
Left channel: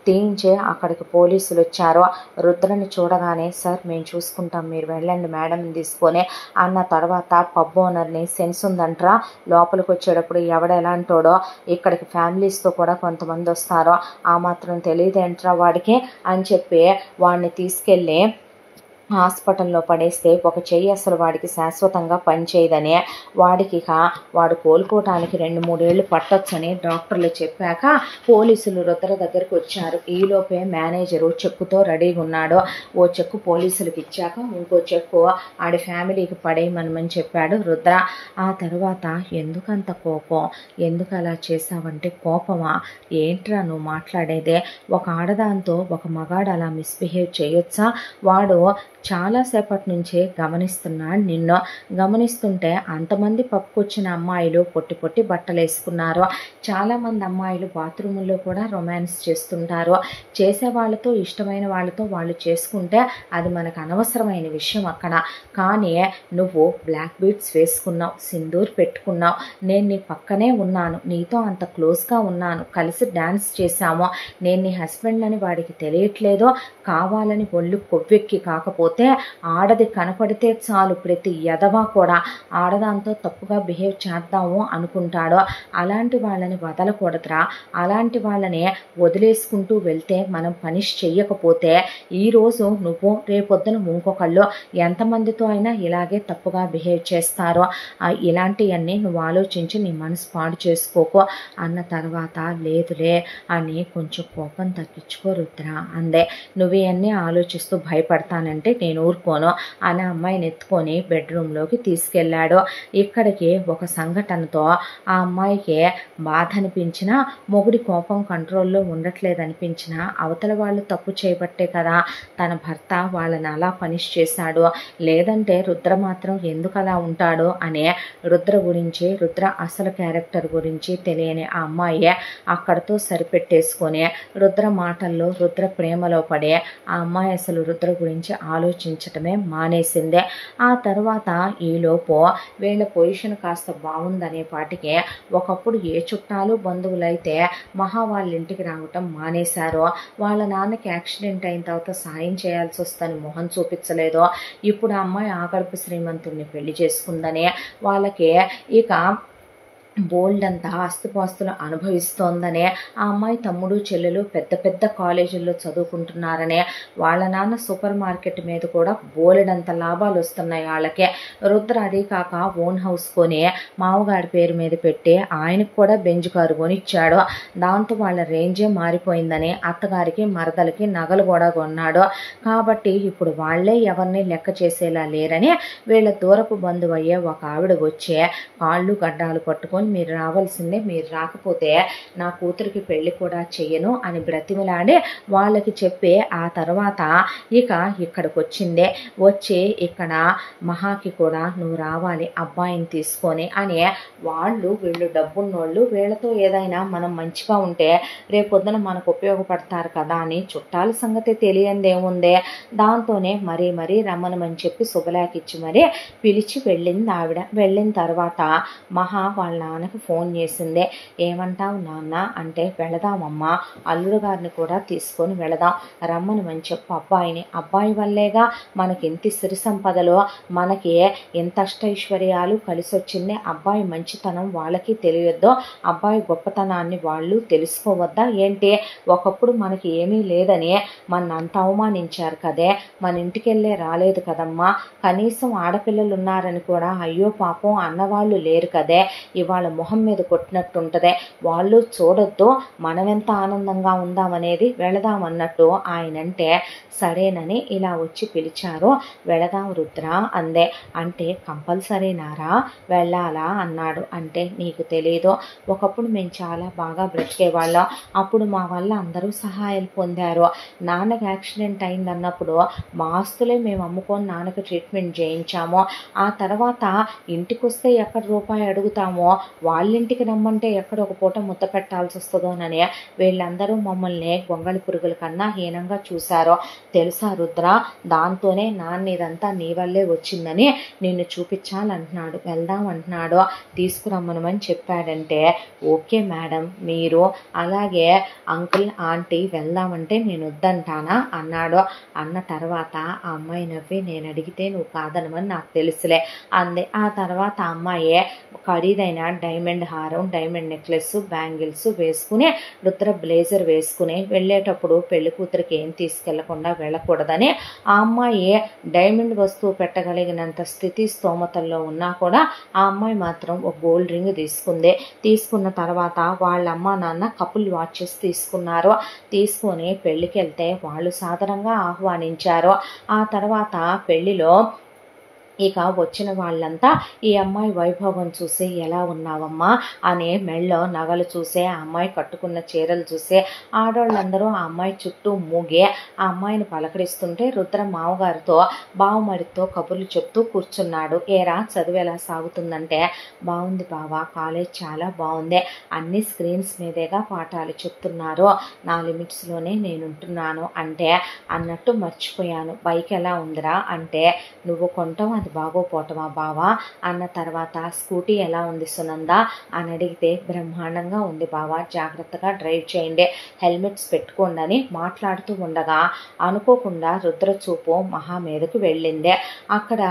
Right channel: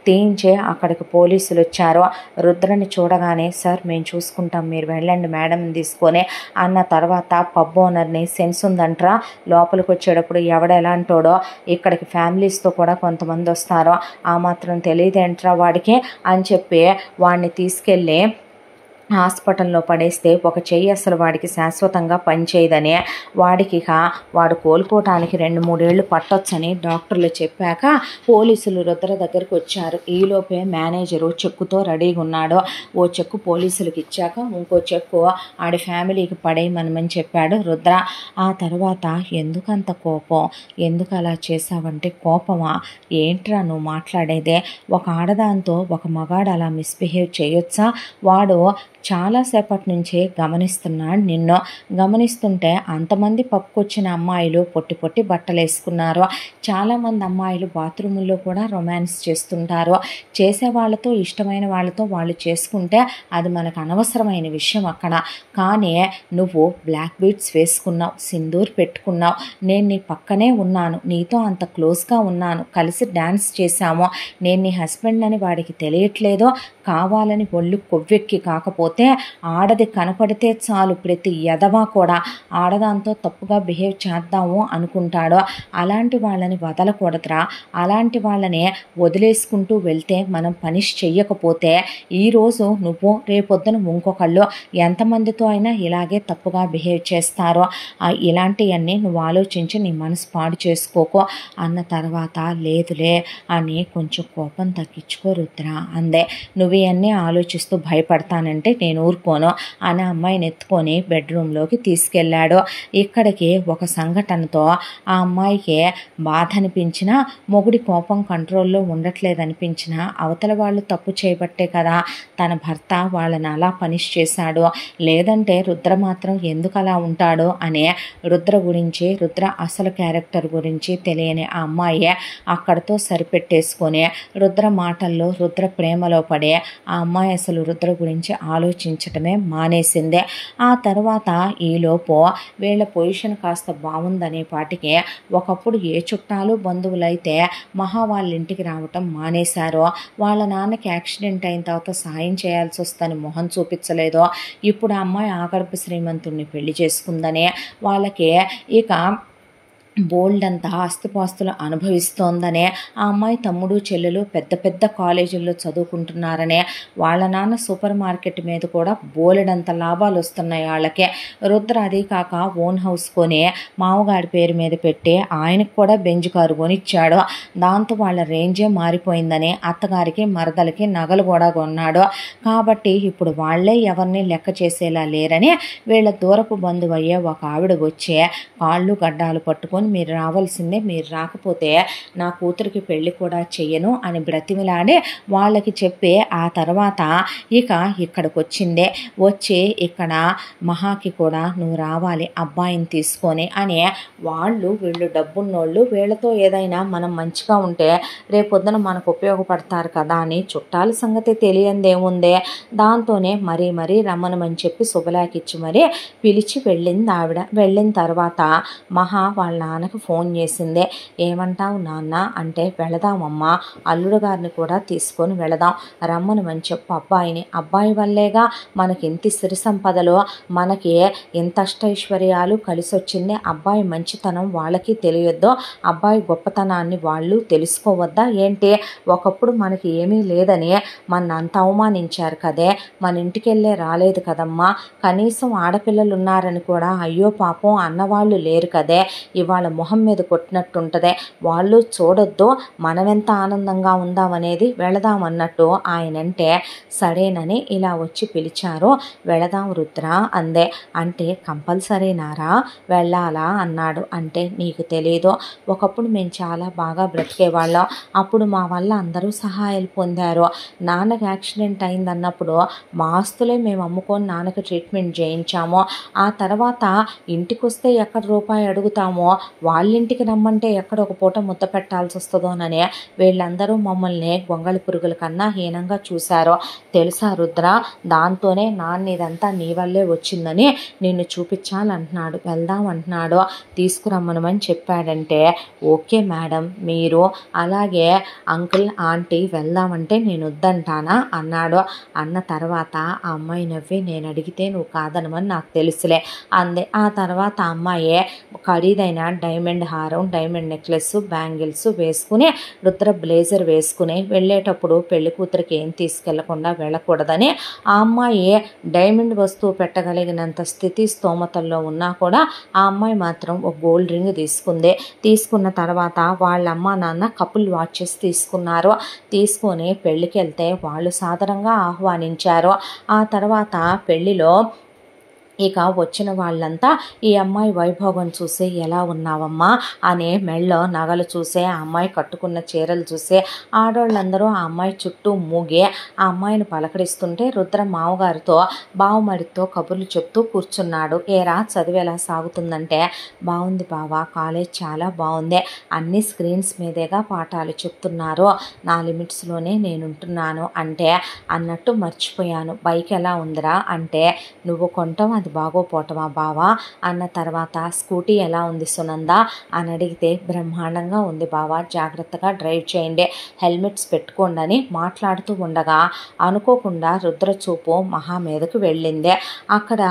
తీయించి అక్కడికి పోలీసులు వచ్చారు. రుద్రని చూడగానే సార్ మేము చూసుకుంటాం, మీరు వెళ్ళండి మేడంని తీసుకొని అన్న తర్వాత పబ్ ఓనర్ని సెన్స్ ఉందంట్రా, లోపలికి వచ్చేటప్పుడు ఎవడెలాంటోడో ఇక్కడికి ఫ్యామిలీస్తో కూడా కొంతమంది వస్తారో ఆ మాత్రం తెలియదేంట్రా వాడికి అని చెప్పి వాడిని తీసుకెళ్ళి హాస్పిటల్లో పడేస్తే ఒక చెయ్యి అసలు వాడికి శాశ్వతంగా పనిచేయదని, వాడికి వాడు కోలుకోవటానికి 2-3 ఏళ్ళు పట్టొచ్చని డాక్టర్లు చెప్పాక పోలీసులు రుద్ర దగ్గరికి వచ్చారు. ఈలోపే మేనేజరు చెక్కుతో రెడీగా ఉన్నాడు. ఓ చెక్కు పోలీసులకు ఇచ్చాక ఇంకో చెక్కు ఆడి ఫ్యామిలీకి పడేయమని చెప్పాడు రుద్ర. ఆ తర్వాత ఎందుకంత కోపం, ఎందుకు అలా చేసావంటే కోపమా, ఏంట్రా నువ్వు మాట్లాడేదే, ఒక ఆడదాంతో ఒక మగాడు అలా మిస్బిహేవ్ చేయొచ్చా, వాడు చాలాసేపటి నుంచే గమనిస్తున్నాడు నిన్ను. గమనిస్తుంటే అంతమంది పప్పుకొచ్చిన అమ్మాయిలు పొట్టి పొట్టి బట్టలు వేసుకున్నారు. చాలామంది అమ్మాయిలు బాత్రూముల్లో కూడా రొమాన్స్ చేస్తుంటారు. చేసే వాళ్ళతో ఇష్టమైన వాళ్ళతో వాళ్ళు చేసుకుంటే అది మనకు అనవసరమైన విషయం అక్కడ. కానీ నువ్వు బ్లాక్ బీడ్స్ వేసుకున్నావు, సింధూర్ పెట్టుకున్నావు, నేను నీ పక్కనే ఉన్నాను, నీతో అంత క్లోజ్గా ఉన్నాను, కలిసి డ్యాన్స్ చేశాము, నేను నీ హస్బెండ్ అని వాడికి తెలియట్లేదో, కావాలని ఒళ్ళు కొవ్వెక్కి కాకపోతే ఆడది కనపడితే చాలు ప్రతి ఎదవా కూడా ఆడదాంతో తప్పుగా బిహేవ్ చేద్దాము అనుకుంటాడో. అలాంటి వాళ్ళని వదలకూడదురా, అలాంటి వాళ్ళని వదిలేసుకుంటూ వెళ్తే మనం పనిష్ చెయ్యకపోతే ఈరోజు నువ్వు రేపొద్దున ఇంకొకళ్ళు ఎంతమందితో అయినా ఇలాగే తప్పుగా బిహేవ్ చేస్తారో, ఇలాంటివన్నీ నువ్వు ఆలోచించి నీ మనసు పాడు చేసుకోకో అన్న తర్వాత లేదులే అని కొంచెం కోపం తగ్గించుకో రుద్ర అందే. నువ్వు ఇవన్నీ ఆలోచిస్తూ భయపడతానంటే నేను ఊరుకోను అని అమ్మాయిని ఎత్తుకొని బెడ్రూమ్లోకి తీసుకెళ్ళాడు. ఇక్కడికి ఒక సంఘటనతో ఆ అమ్మాయికి బాధ అనిపించినా, మొగుడి కోపం కంట్రోల్లో ఉండట్లేదనిపించినా అవతల వాళ్ళు తప్పు చేయబట్టే కదా తన భర్త వాళ్ళని అలా పనిష్ చేశాడు, లేదంటే రుద్ర మాత్రం ఎందుకు అలా ఉంటాడు అని రుద్ర గురించి, రుద్ర అసలు క్యారెక్టర్ గురించి తెలియని ఆ అమ్మాయి అక్కడితో సరిపెట్టేసుకొని రుద్ర మాటల్లో రుద్ర ప్రేమలో పడి ఆ అమ్మాయి అసలు రుద్ర గురించి ఆలోచించటమే మానేసిందే. ఆ తర్వాత ఈలోపు వీళ్ళ పొజిషన్ కాస్త బాగుందనే పాటికి ఒకప్పుడు ఏ చుట్టాలు బంధువులైతే మహా వాళ్ళ ఇంటికి రావటం మానేశారో, వాళ్ళ నాన్నకి యాక్సిడెంట్ అయిన తర్వాత సాయం చేయాల్సి వస్తుందని మొహం చూపించలేదో, ఇప్పుడు ఆ అమ్మాయి ఆగర్భ శ్రీమంతుడిని పెళ్లి చేసుకుందని వాళ్ళకి ఇక బోల్డ్ అంతా ఆస్తిపాస్తులు అనుభవిస్తోందనే, ఆ అమ్మాయి తమ్ముడు చెల్లెలు పెద్ద పెద్ద కాలేజీల్లో చదువుకుంటున్నారనే, వాళ్ళ నాన్న సూపర్ మార్కెట్ మీద కూడా బోలెడంత లాభాలు వస్తున్నాయి వాళ్ళకే. రుద్ర అదే కాక ఓన్ హౌస్ కొని మామగారి పేరు మీద పెట్టి ఆయనకు కూడా బెంజ్ కారు కొనిచ్చాడు. దాంతో వాళ్ళ రేంజే మారిపోయిందని అత్తగారికి మరదలకి నగలు కూడా కొన్నాడు. కాబట్టి ఇప్పుడు వాళ్ళే ఎవరిని లెక్క చేసేలా లేరని వీళ్ళ దూరపు బంధువు అయ్యే ఒక ఆవిడ వచ్చే కాళ్ళు గడ్డాలు పట్టుకొని మీరు రావాల్సిందే, మీరు రాకపోతే నా కూతురికి పెళ్లి కూడా చెయ్యను అని బ్రతిమిలాడి వాళ్ళకి చెప్పి ఆ తర్వాత ఇక ఇక్కడికి వచ్చిందే. వచ్చి ఇక్కడ మహాకి కూడా నువ్వు రావాలి అబ్బాయిని తీసుకొని అని వీళ్ళు డబ్బున్నోళ్ళు, వీళ్ళతో ఏదైనా మనం మంచిగా ఉంటే రేపొద్దున మనకు ఉపయోగపడతారు కదా అని చుట్టాల సంగతి తెలియందేముందే. దాంతోనే మరీ రమ్మనమని చెప్పి శుభలేఖిచ్చి మరీ పిలిచి వెళ్ళింది ఆవిడ. వెళ్ళిన తర్వాత మహా వాళ్ళ నాన్నకి ఫోన్ చేసిందే. ఏమంటావు నాన్న అంటే, వెళదామమ్మా, అల్లుడు గారిని కూడా తీసుకొని వెళదాం, రమ్మనమని చెప్పు అబ్బాయిని. అబ్బాయి వల్లేగా మనకి ఇంత సిరి సంపదలో, మనకి ఎంత అష్టైశ్వర్యాలు కలిసి వచ్చింది. అబ్బాయి మంచితనం వాళ్ళకి తెలియొద్దో, అబ్బాయి గొప్పతనాన్ని వాళ్ళు తెలుసుకోవద్దా ఏంటి? ఒకప్పుడు మనకి ఏమీ లేదని మన అంత అవమానించారు కదే, మన ఇంటికెళ్ళే రాలేదు కదమ్మా, కనీసం ఆడపిల్లలు ఉన్నారని కూడా అయ్యో పాపం అన్నవాళ్ళు లేరు కదే, ఇవాళ మొహం మీద కొట్టినట్టుంటదే, వాళ్ళు చూడొద్దు, మనమెంత ఆనందంగా ఉందామనేది, వెళదామన్నట్టు ఆయనంటే సరేనని ఇలా వచ్చి పిలిచారు. వెళదాం రుద్ర అందే. అంటే కంపల్సరీనారా, వెళ్ళాలా అన్నాడు. అంటే నీకు తెలీదు, ఒకప్పుడు మేము చాలా బాగా బ్రతికేవాళ్ళం, అప్పుడు మా వల్ల అందరూ సహాయాలు పొందారు. నాన్నకి యాక్సిడెంట్ అయిందన్నప్పుడు మా ఆస్తులే మేము అమ్ముకొని నాన్నకి ట్రీట్మెంట్ చేయించాము. ఆ తర్వాత ఇంటికి వస్తే ఎక్కడ రూపాయి అడుగుతామో, వాళ్ళింటికి రమ్మంటే ఎక్కడ ఒక పూట ముద్ద పెట్టాల్సి వస్తుందోనని వీళ్ళందరూ మమ్మల్ని గొంగళి పురుగుల కన్నా హీనంగా చూశారు. తెలుసా రుద్ర, దాంతోనే నాన్న ఇదంతా నీ వల్లే వచ్చిందని నిన్ను చూపించాలంటున్నాడు, వెళ్దాం అంటున్నాడు, తీసుకురమ్మనమని చెప్పాడంటే, ఓకే మేడం, మీరు అలాగే అంకుల్ ఆంటీ వెళ్దామంటే నేను వద్దంటానా అన్నాడు. అన్న తర్వాత ఆ అమ్మాయి నవ్వి, నేను అడిగితే నువ్వు కాదనమని నాకు తెలుసులే అంది. ఆ తర్వాత అమ్మాయి ఖరీదైన డైమండ్ హారం, డైమండ్ నెక్లెస్, బ్యాంగిల్స్ వేసుకుని, రుద్ర బ్లేజర్ వేసుకుని వెళ్ళేటప్పుడు పెళ్లి కూతురికి ఏం తీసుకెళ్లకుండా వెళ్ళకూడదని, ఆ అమ్మాయి డైమండ్ వస్తువు పెట్టగలిగినంత స్థితి స్తోమతల్లో ఉన్నా కూడా ఆ అమ్మాయి మాత్రం ఒక గోల్డ్ రింగ్ తీసుకుంది. తీసుకున్న తర్వాత వాళ్ళ అమ్మ నాన్న కపుల్ వాచెస్ తీసుకున్నారు. తీసుకొని పెళ్ళికి వెళ్తే వాళ్ళు సాధారణంగా ఆహ్వానించారు. ఆ తర్వాత పెళ్లిలో ఇక వచ్చిన వాళ్ళంతా ఈ అమ్మాయి వైభోగం చూసి, ఎలా ఉన్నావమ్మా అని మెళ్ళో నగలు చూసే, ఆ అమ్మాయి కట్టుకున్న చీరలు చూసే ఆడవాళ్ళందరూ ఆ అమ్మాయి చుట్టూ మూగి ఆ అమ్మాయిని పలకరిస్తుంటే, రుద్ర మామగారితో బావమరితో కబుర్లు చెప్తూ కూర్చున్నాడు. ఏరా చదువు ఎలా సాగుతుందంటే, బాగుంది బావా, కాలేజ్ చాలా బాగుంది, అన్ని స్క్రీన్స్ మీదేగా పాఠాలు చెప్తున్నారు, నా లిమిట్స్లోనే నేను ఉంటున్నాను అంటే, అన్నట్టు మర్చిపోయాను, బైక్ ఎలా ఉందిరా అంటే, నువ్వు కొంటావు అది బాగోపోవటమా బావా అన్న తర్వాత, స్కూటీ ఎలా ఉంది సునంద అని అడిగితే, బ్రహ్మాండంగా ఉంది బావా, జాగ్రత్తగా డ్రైవ్ చేయండి, హెల్మెట్స్ పెట్టుకోండి అని మాట్లాడుతూ ఉండగా అనుకోకుండా రుద్ర చూపు మహా మీదకు వెళ్ళింది. అక్కడ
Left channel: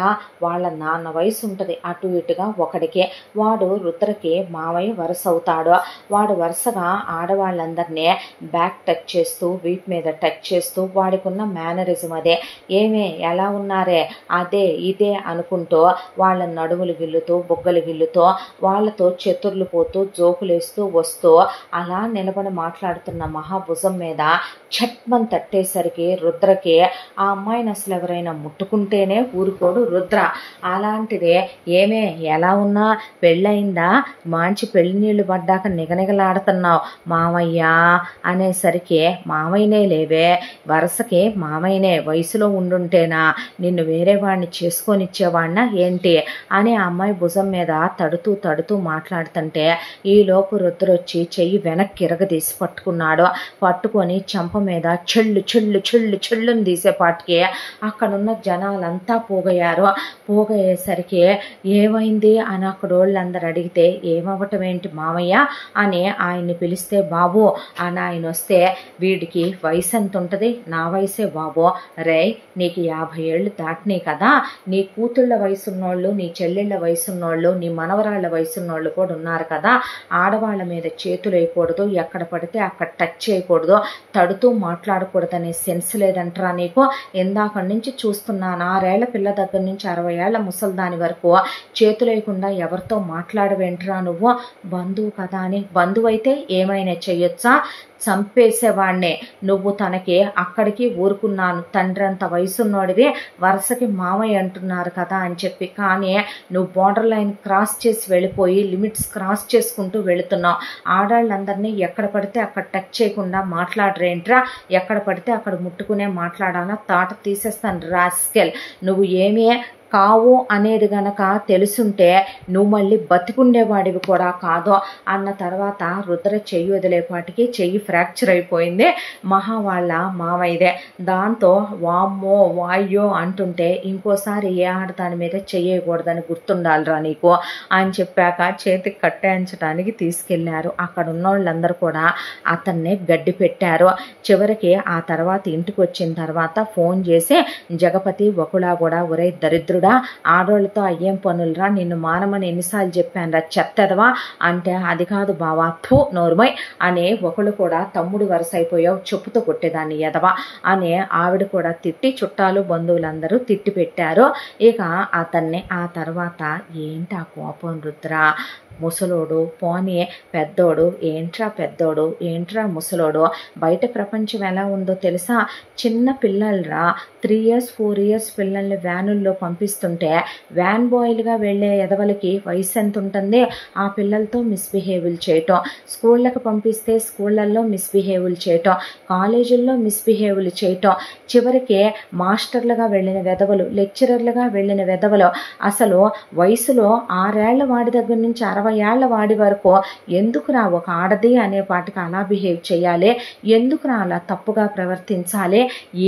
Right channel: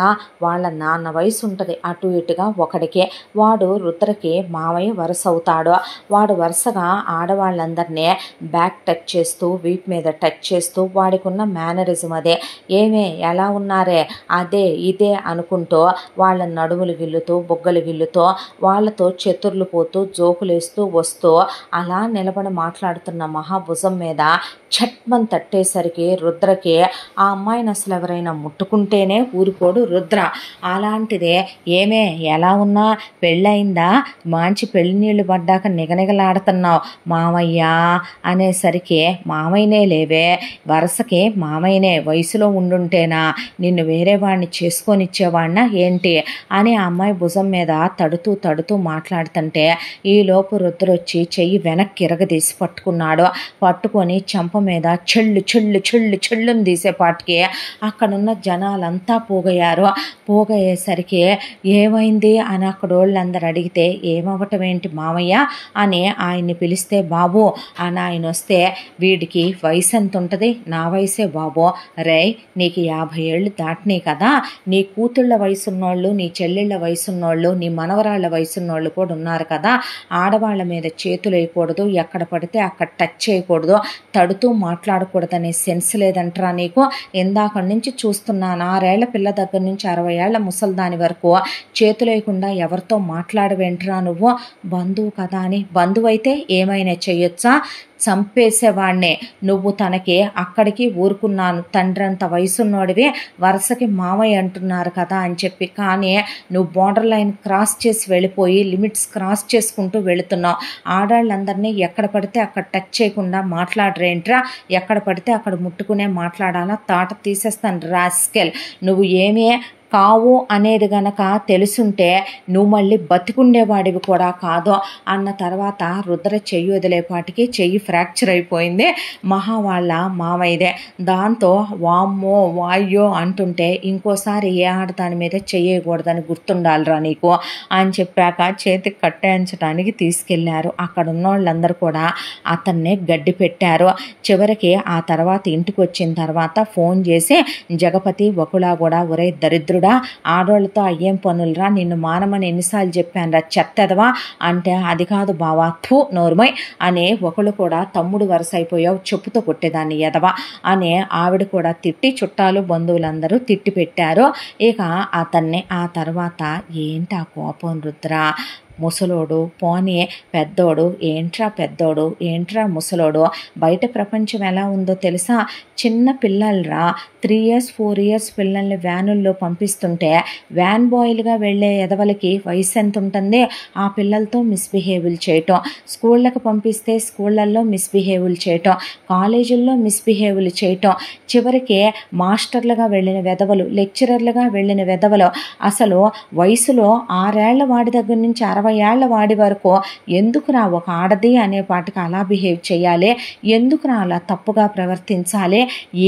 వాళ్ళ నాన్న వయసు ఉంటుంది అటు ఇటుగా ఒకడికి, వాడు రుద్రకి మావయ్య వరుస అవుతాడు. వాడు వరుసగా ఆడవాళ్ళందరినీ బ్యాక్ టచ్ చేస్తూ, వీప్ మీద టచ్ చేస్తూ, వాడికి ఉన్న మేనరిజం అదే, ఏమే ఎలా ఉన్నారే అదే ఇదే అనుకుంటూ వాళ్ళ నడుములు గిల్లుతూ, బుగ్గలు గిల్లుతూ, వాళ్ళతో చతుర్లు పోతూ, జోకులేస్తూ వస్తూ అలా నిలబడి మాట్లాడుతున్న మహాభుజం మీద చట్మని తట్టేసరికి రుద్రకి ఆ అమ్మాయిని అసలు ఎవరైనా ముట్టుకుంటేనే ఊరుకోడు రుద్ర. అలాంటిదే, ఏమే ఎలా ఉన్నా, పెళ్ళయిందా, మంచి పెళ్లి నీళ్లు పడ్డాక నిగనిగలాడుతున్నావు మామయ్య అనేసరికి, మామయ్యనే లేవే, వరుసకి మామయ్యనే, వయసులో ఉండుంటేనా నిన్ను వేరే వాడిని చేసుకొని ఇచ్చేవాడినా ఏంటి అని ఆ అమ్మాయి భుజం మీద తడుతూ తడుతూ మాట్లాడుతుంటే, ఈలోపు రుద్రొచ్చి చెయ్యి వెనక్కి ఇరగదీసి పట్టుకున్నాడు. పట్టుకొని చంప మీద చెళ్ళు చెళ్ళు చెళ్ళు చెళ్ళుని తీసేపాటికి అక్కడున్న జనాలంతా పోగయ్యారు. పోగయ్యేసరికి ఏమైంది అని అక్కడ వాళ్ళందరూ అడిగితే, ఏమవటం ఏంటి మామయ్య అని ఆయన్ని పిలిస్తే, బాబు అని ఆయన వస్తే, వీడికి వయసు ఎంత ఉంటుంది, నా వయసే బాబు, రే నీకు 50 ఏళ్ళు దాటినాయి కదా, నీ కూతుళ్ళ వయసున్నోళ్ళు, నీ చెల్లెళ్ళ వయసున్నోళ్ళు, నీ మనవరాళ్ళ వయసున్నోళ్ళు కూడా ఉన్నారు కదా, ఆడవాళ్ళ మీద చేతులు వేయకూడదు, ఎక్కడ పడితే అక్కడ టచ్ చేయకూడదు, తడుతూ మాట్లాడకూడదనే సెన్స్ లేదంటరా నీకు, ఇందాక నుంచి చూస్తున్నాను, 6 ఏళ్ల పిల్ల దగ్గర నుంచి 60 ఏళ్ల ముసల్దాని వరకు చేతులు వేయకుండా ఎవరితో మాట్లాడవేంట్రా నువ్వు, బంధువు కదా అని, బంధువు అయితే ఏమైనా చెయ్యొచ్చా, చంపేసేవాడినే, నువ్వు తనకి అక్కడికి ఊరుకున్నాను, తండ్రంత వయసున్నోడివి, వరుసకి మామయ్య అంటున్నారు కదా అని చెప్పి, కానీ నువ్వు బార్డర్ లైన్ క్రాస్ చేసి వెళ్ళిపోయి లిమిట్స్ క్రాస్ చేసుకుంటూ వెళుతున్నావు, ఆడాళ్ళందరినీ ఎక్కడ పడితే అక్కడ టచ్ చేయకుండా మాట్లాడరేంట్రా, ఎక్కడ పడితే అక్కడ ముట్టుకునే మాట్లాడాలా, తాట తీసేస్తాను రాస్కెల్, నువ్వు ఏమే కావు అనేది గనక తెలుసుంటే నువ్వు మళ్ళీ బతికుండేవాడివి కూడా కాదు అన్న తర్వాత రుద్ర చెయ్యి వదిలేపాటికి చెయ్యి ఫ్రాక్చర్ అయిపోయింది. మహా వాళ్ళ మావయ్యదే. దాంతో వామ్మో వాయ్యో అంటుంటే ఇంకోసారి ఏ ఆడదాని మీద చెయ్యకూడదని గుర్తుండాలిరా నీకు అని చెప్పాక చేతికి కట్టాయించడానికి తీసుకెళ్లారు. అక్కడ ఉన్న వాళ్ళందరూ కూడా అతన్నే గడ్డి పెట్టారు. చివరికి ఆ తర్వాత ఇంటికి వచ్చిన తర్వాత ఫోన్ చేసి జగపతి ఒకలా కూడా ఒరే దరిద్రుడా ఆడోళ్ళతో అయ్యేం పనులరా, నిన్ను మానమని ఎన్నిసార్లు చెప్పానురా చెత్తదవా అంటే అది కాదు బావా థూ నోర్మై అనే ఒకళ్ళు కూడా తమ్ముడు వరుస అయిపోయావు చెప్పుతో కొట్టేదాన్ని ఎదవా అనే ఆవిడ కూడా తిట్టి చుట్టాలు బంధువులందరూ తిట్టి పెట్టారు. ఇక అతన్ని ఆ తర్వాత ఏంటి ఆ కోపం రుద్ర, ముసలోడు పోనీ పెద్దోడు ఏంట్రా పెద్దోడు ఏంట్రా ముసలోడు, బయట ప్రపంచం ఎలా ఉందో తెలుసా, చిన్న పిల్లలరా 3 years 4 years పిల్లల్ని వ్యానుల్లో పంపిస్తుంటే వ్యాన్ బాయ్లుగా వెళ్ళే ఎదవలకి వయసు ఎంత ఉంటుంది, ఆ పిల్లలతో మిస్బిహేవియర్ చేయటం, స్కూళ్ళకి పంపిస్తే స్కూళ్ళల్లో మిస్బిహేవియర్ చేయటం, కాలేజీల్లో మిస్బిహేవియర్ చేయటం, చివరికి మాస్టర్లుగా వెళ్ళిన వెధవలు లెక్చరర్లుగా వెళ్ళిన వెధవలు అసలు వయసులో 6 ఏళ్ల వాడి దగ్గర నుంచి 60 ఏళ్ల వాడి వరకు ఎందుకురా ఒక ఆడది అనే పాటికి అలా బిహేవ్ చేయాలి, ఎందుకురా అలా తప్పుగా ప్రవర్తించాలి,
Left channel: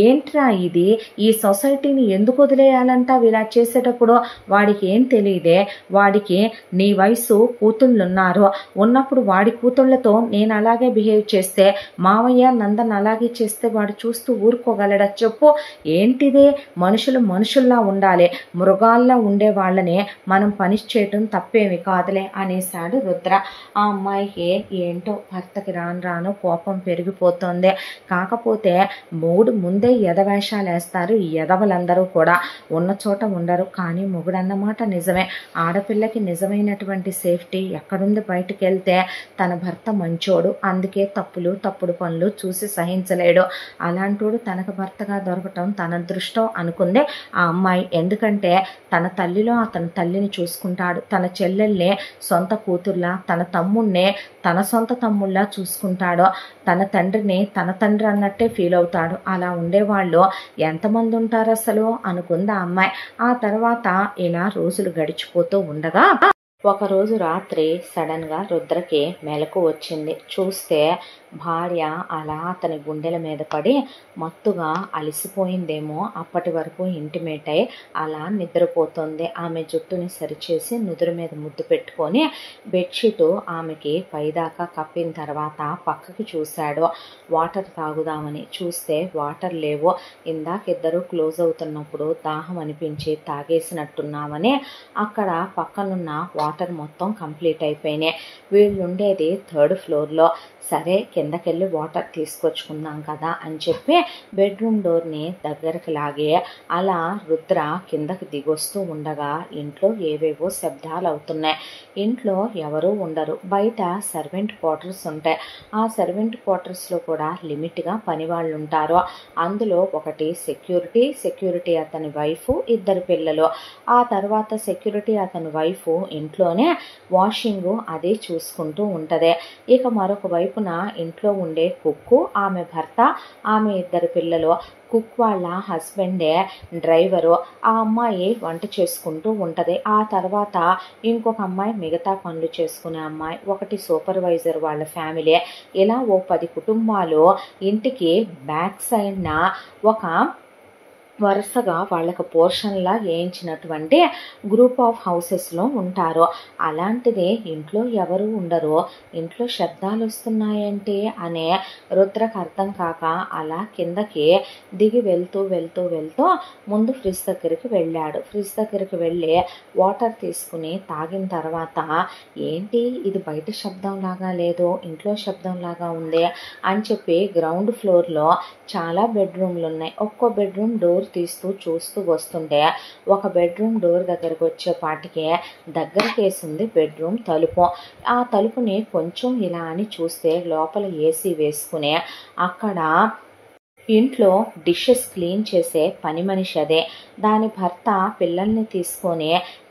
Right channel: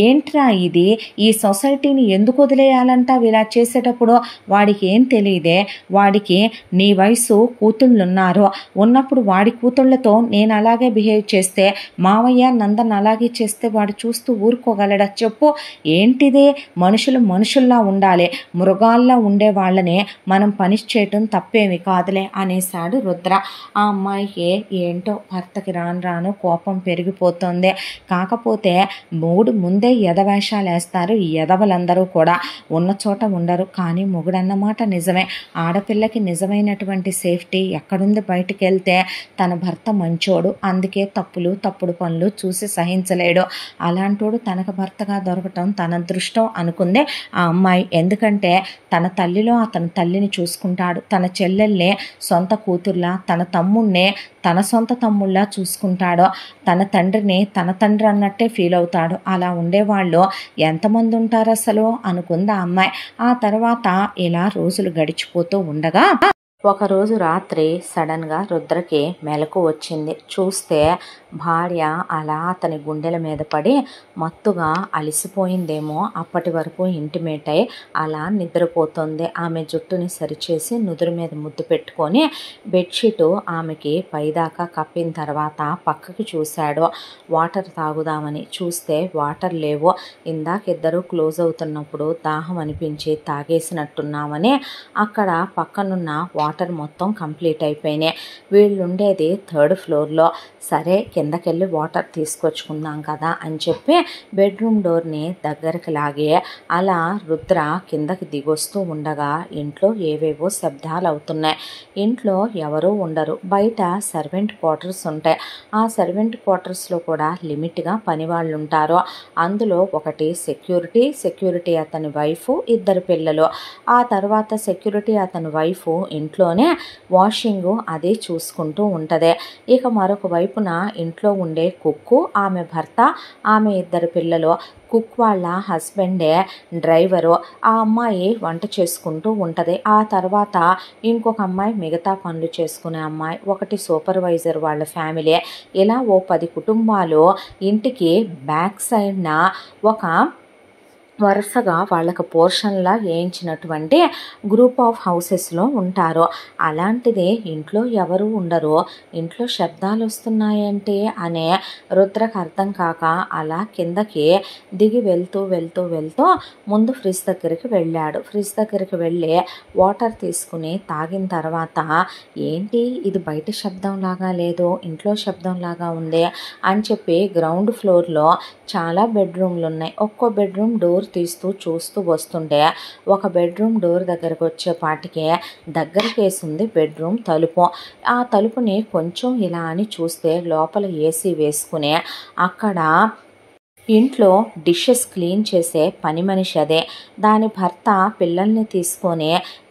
ఏంట్రా ఇది, ఈ సొసైటీని ఎందుకు వదిలేయాలంట ఇలా చేసేటప్పుడు, వాడికి ఏం తెలియదే, వాడికి నీ వయసు కూతుళ్ళున్నారు, ఉన్నప్పుడు వాడి కూతుళ్ళతో నేను అలాగే బిహేవ్ చేస్తే మావయ్య నందన్ అలాగే చేస్తే వాడు చూస్తూ ఊరుకోగలడా చెప్పు, ఏంటిది మనుషులు మనుషుల్లా ఉండాలి, మృగాల్లా ఉండే వాళ్ళని మనం పనిష్ చేయటం తప్పేమి కాదులే అనేసాడు రుద్ర. ఆ అమ్మాయికి ఏంటో భర్తకి రాను రాను కోపం పెరిగిపోతుంది. కాకపోతే మొగుడు ముందే ఎదవేషాలు వేస్తారు ఈ ఎదవలందరూ కూడా, ఉన్న చోట ఉండరు. కానీ మొగుడన్నమాట నిజమే, ఆడపిల్లకి నిజమైనటువంటి సేఫ్టీ ఎక్కడుంది, బయటికి వెళ్తే తన భర్త మంచోడు అందుకే తప్పుడు పనులు చూసి సహించలేడు, అలాంటోడు తనకు భర్తగా దొరకటం తన అదృష్టం అనుకుంది ఆ అమ్మాయి. ఎందుకంటే తన తల్లిలో అతని తల్లిని చూసుకుంటాడు, తన చెల్లెల్ని సొంత కూతుర్లా, తన తమ్ముడిని తన సొంత తమ్ముళ్ళ చూసుకుంటాడో, తన తండ్రిని తన తండ్రి అన్నట్టే ఫీల్ అవుతాడు. అలా ఉండేవాళ్ళు ఎంతమంది ఉంటారు అసలు అనుకుంది ఆ అమ్మాయి. ఆ తర్వాత ఇలా రోజులు గడిచిపోతూ ఉండగా ఒకరోజు రాత్రి సడన్గా రుద్రకి మెలకు వచ్చింది. చూస్తే భార్య అలా అతని గుండెల మీద పడి మత్తుగా అలసిపోయిందేమో, అప్పటి వరకు ఇంటిమేట్ అయి అలా నిద్రపోతుంది. ఆమె జుట్టుని సరిచేసి నుదురు మీద ముద్దు పెట్టుకొని బెడ్షీటు ఆమెకి పైదాకా కప్పిన తర్వాత పక్కకి చూశాడు వాటర్ తాగుదామని. చూస్తే వాటర్ లేవు. ఇందాకిద్దరు క్లోజ్ అవుతున్నప్పుడు దాహం అనిపించి తాగేసినట్టున్నామని అక్కడ పక్కనున్న వాటర్ మొత్తం కంప్లీట్ అయిపోయినాయి. వీళ్ళు ఉండేది 3rd floorలో. సరే కిందకెళ్ళి వాటర్ తీసుకొచ్చుకుందాం కదా అని చెప్పి బెడ్రూమ్ డోర్ని దగ్గరికి లాగే అలా రుద్ర కిందకి దిగొస్తూ ఉండగా ఇంట్లో ఏవేవో శబ్దాలు అవుతున్నాయి. ఇంట్లో ఎవరూ ఉండరు, బయట సర్వెంట్ క్వార్టర్స్ ఉంటాయి. ఆ సర్వెంట్ క్వార్టర్స్లో కూడా లిమిట్గా పని వాళ్ళు ఉంటారు. అందులో ఒకటి సెక్యూరిటీ అతని వైఫ్, 2 పిల్లలు. ఆ తర్వాత సెక్యూరిటీ అతని వైఫ్ ఇంట్లోనే వాషింగ్ అదే చూసుకుంటూ ఉంటుంది. ఇక మరొక వైపున ఇంట్లో ఉండే కుక్కు, ఆమె భర్త, ఆమె 2 పిల్లలు. కుక్ వాళ్ళ హస్బెండే డ్రైవరు. ఆ అమ్మాయి వంట చేసుకుంటూ ఉంటుంది. ఆ తర్వాత ఇంకొక అమ్మాయి మిగతా పనులు చేసుకునే అమ్మాయి, ఒకటి సూపర్వైజర్ వాళ్ళ ఫ్యామిలీ. ఇలా ఓ 10 కుటుంబాలు ఇంటికి బ్యాక్ సైడ్న ఒక వరుసగా వాళ్ళకు పోర్షన్లా వేయించినటువంటి గ్రూప్ ఆఫ్ హౌసెస్లో ఉంటారు. అలాంటిదే ఇంట్లో ఎవరు ఉండరు, ఇంట్లో శబ్దాలు వస్తున్నాయంటే అనే రుద్రకు అర్థం కాక అలా కిందకి దిగి వెళ్తూ ముందు ఫ్రిడ్జ్ దగ్గరికి వెళ్ళాడు. ఫ్రిడ్జ్ దగ్గరికి వెళ్ళి వాటర్ తీసుకుని తాగిన తర్వాత ఏంటి ఇది బయట శబ్దంలాగా లేదు, ఇంట్లో శబ్దంలాగా ఉంది అని చెప్పి గ్రౌండ్ ఫ్లోర్లో చాలా బెడ్రూమ్లు ఉన్నాయి. ఒక్కో బెడ్రూమ్ డోర్ తీస్తూ చూస్తూ వస్తుంటే ఒక బెడ్రూమ్ డోర్ దగ్గరకు వచ్చేపాటికే దగ్గరికి వేసింది బెడ్రూమ్ తలుపు. ఆ తలుపుని కొంచెం ఇలా అని చూస్తే లోపల ఏసీ వేసుకుని అక్కడ ఇంట్లో డిషెస్ క్లీన్ చేసే పని మనిషి అదే. దాని భర్త పిల్లల్ని తీసుకొని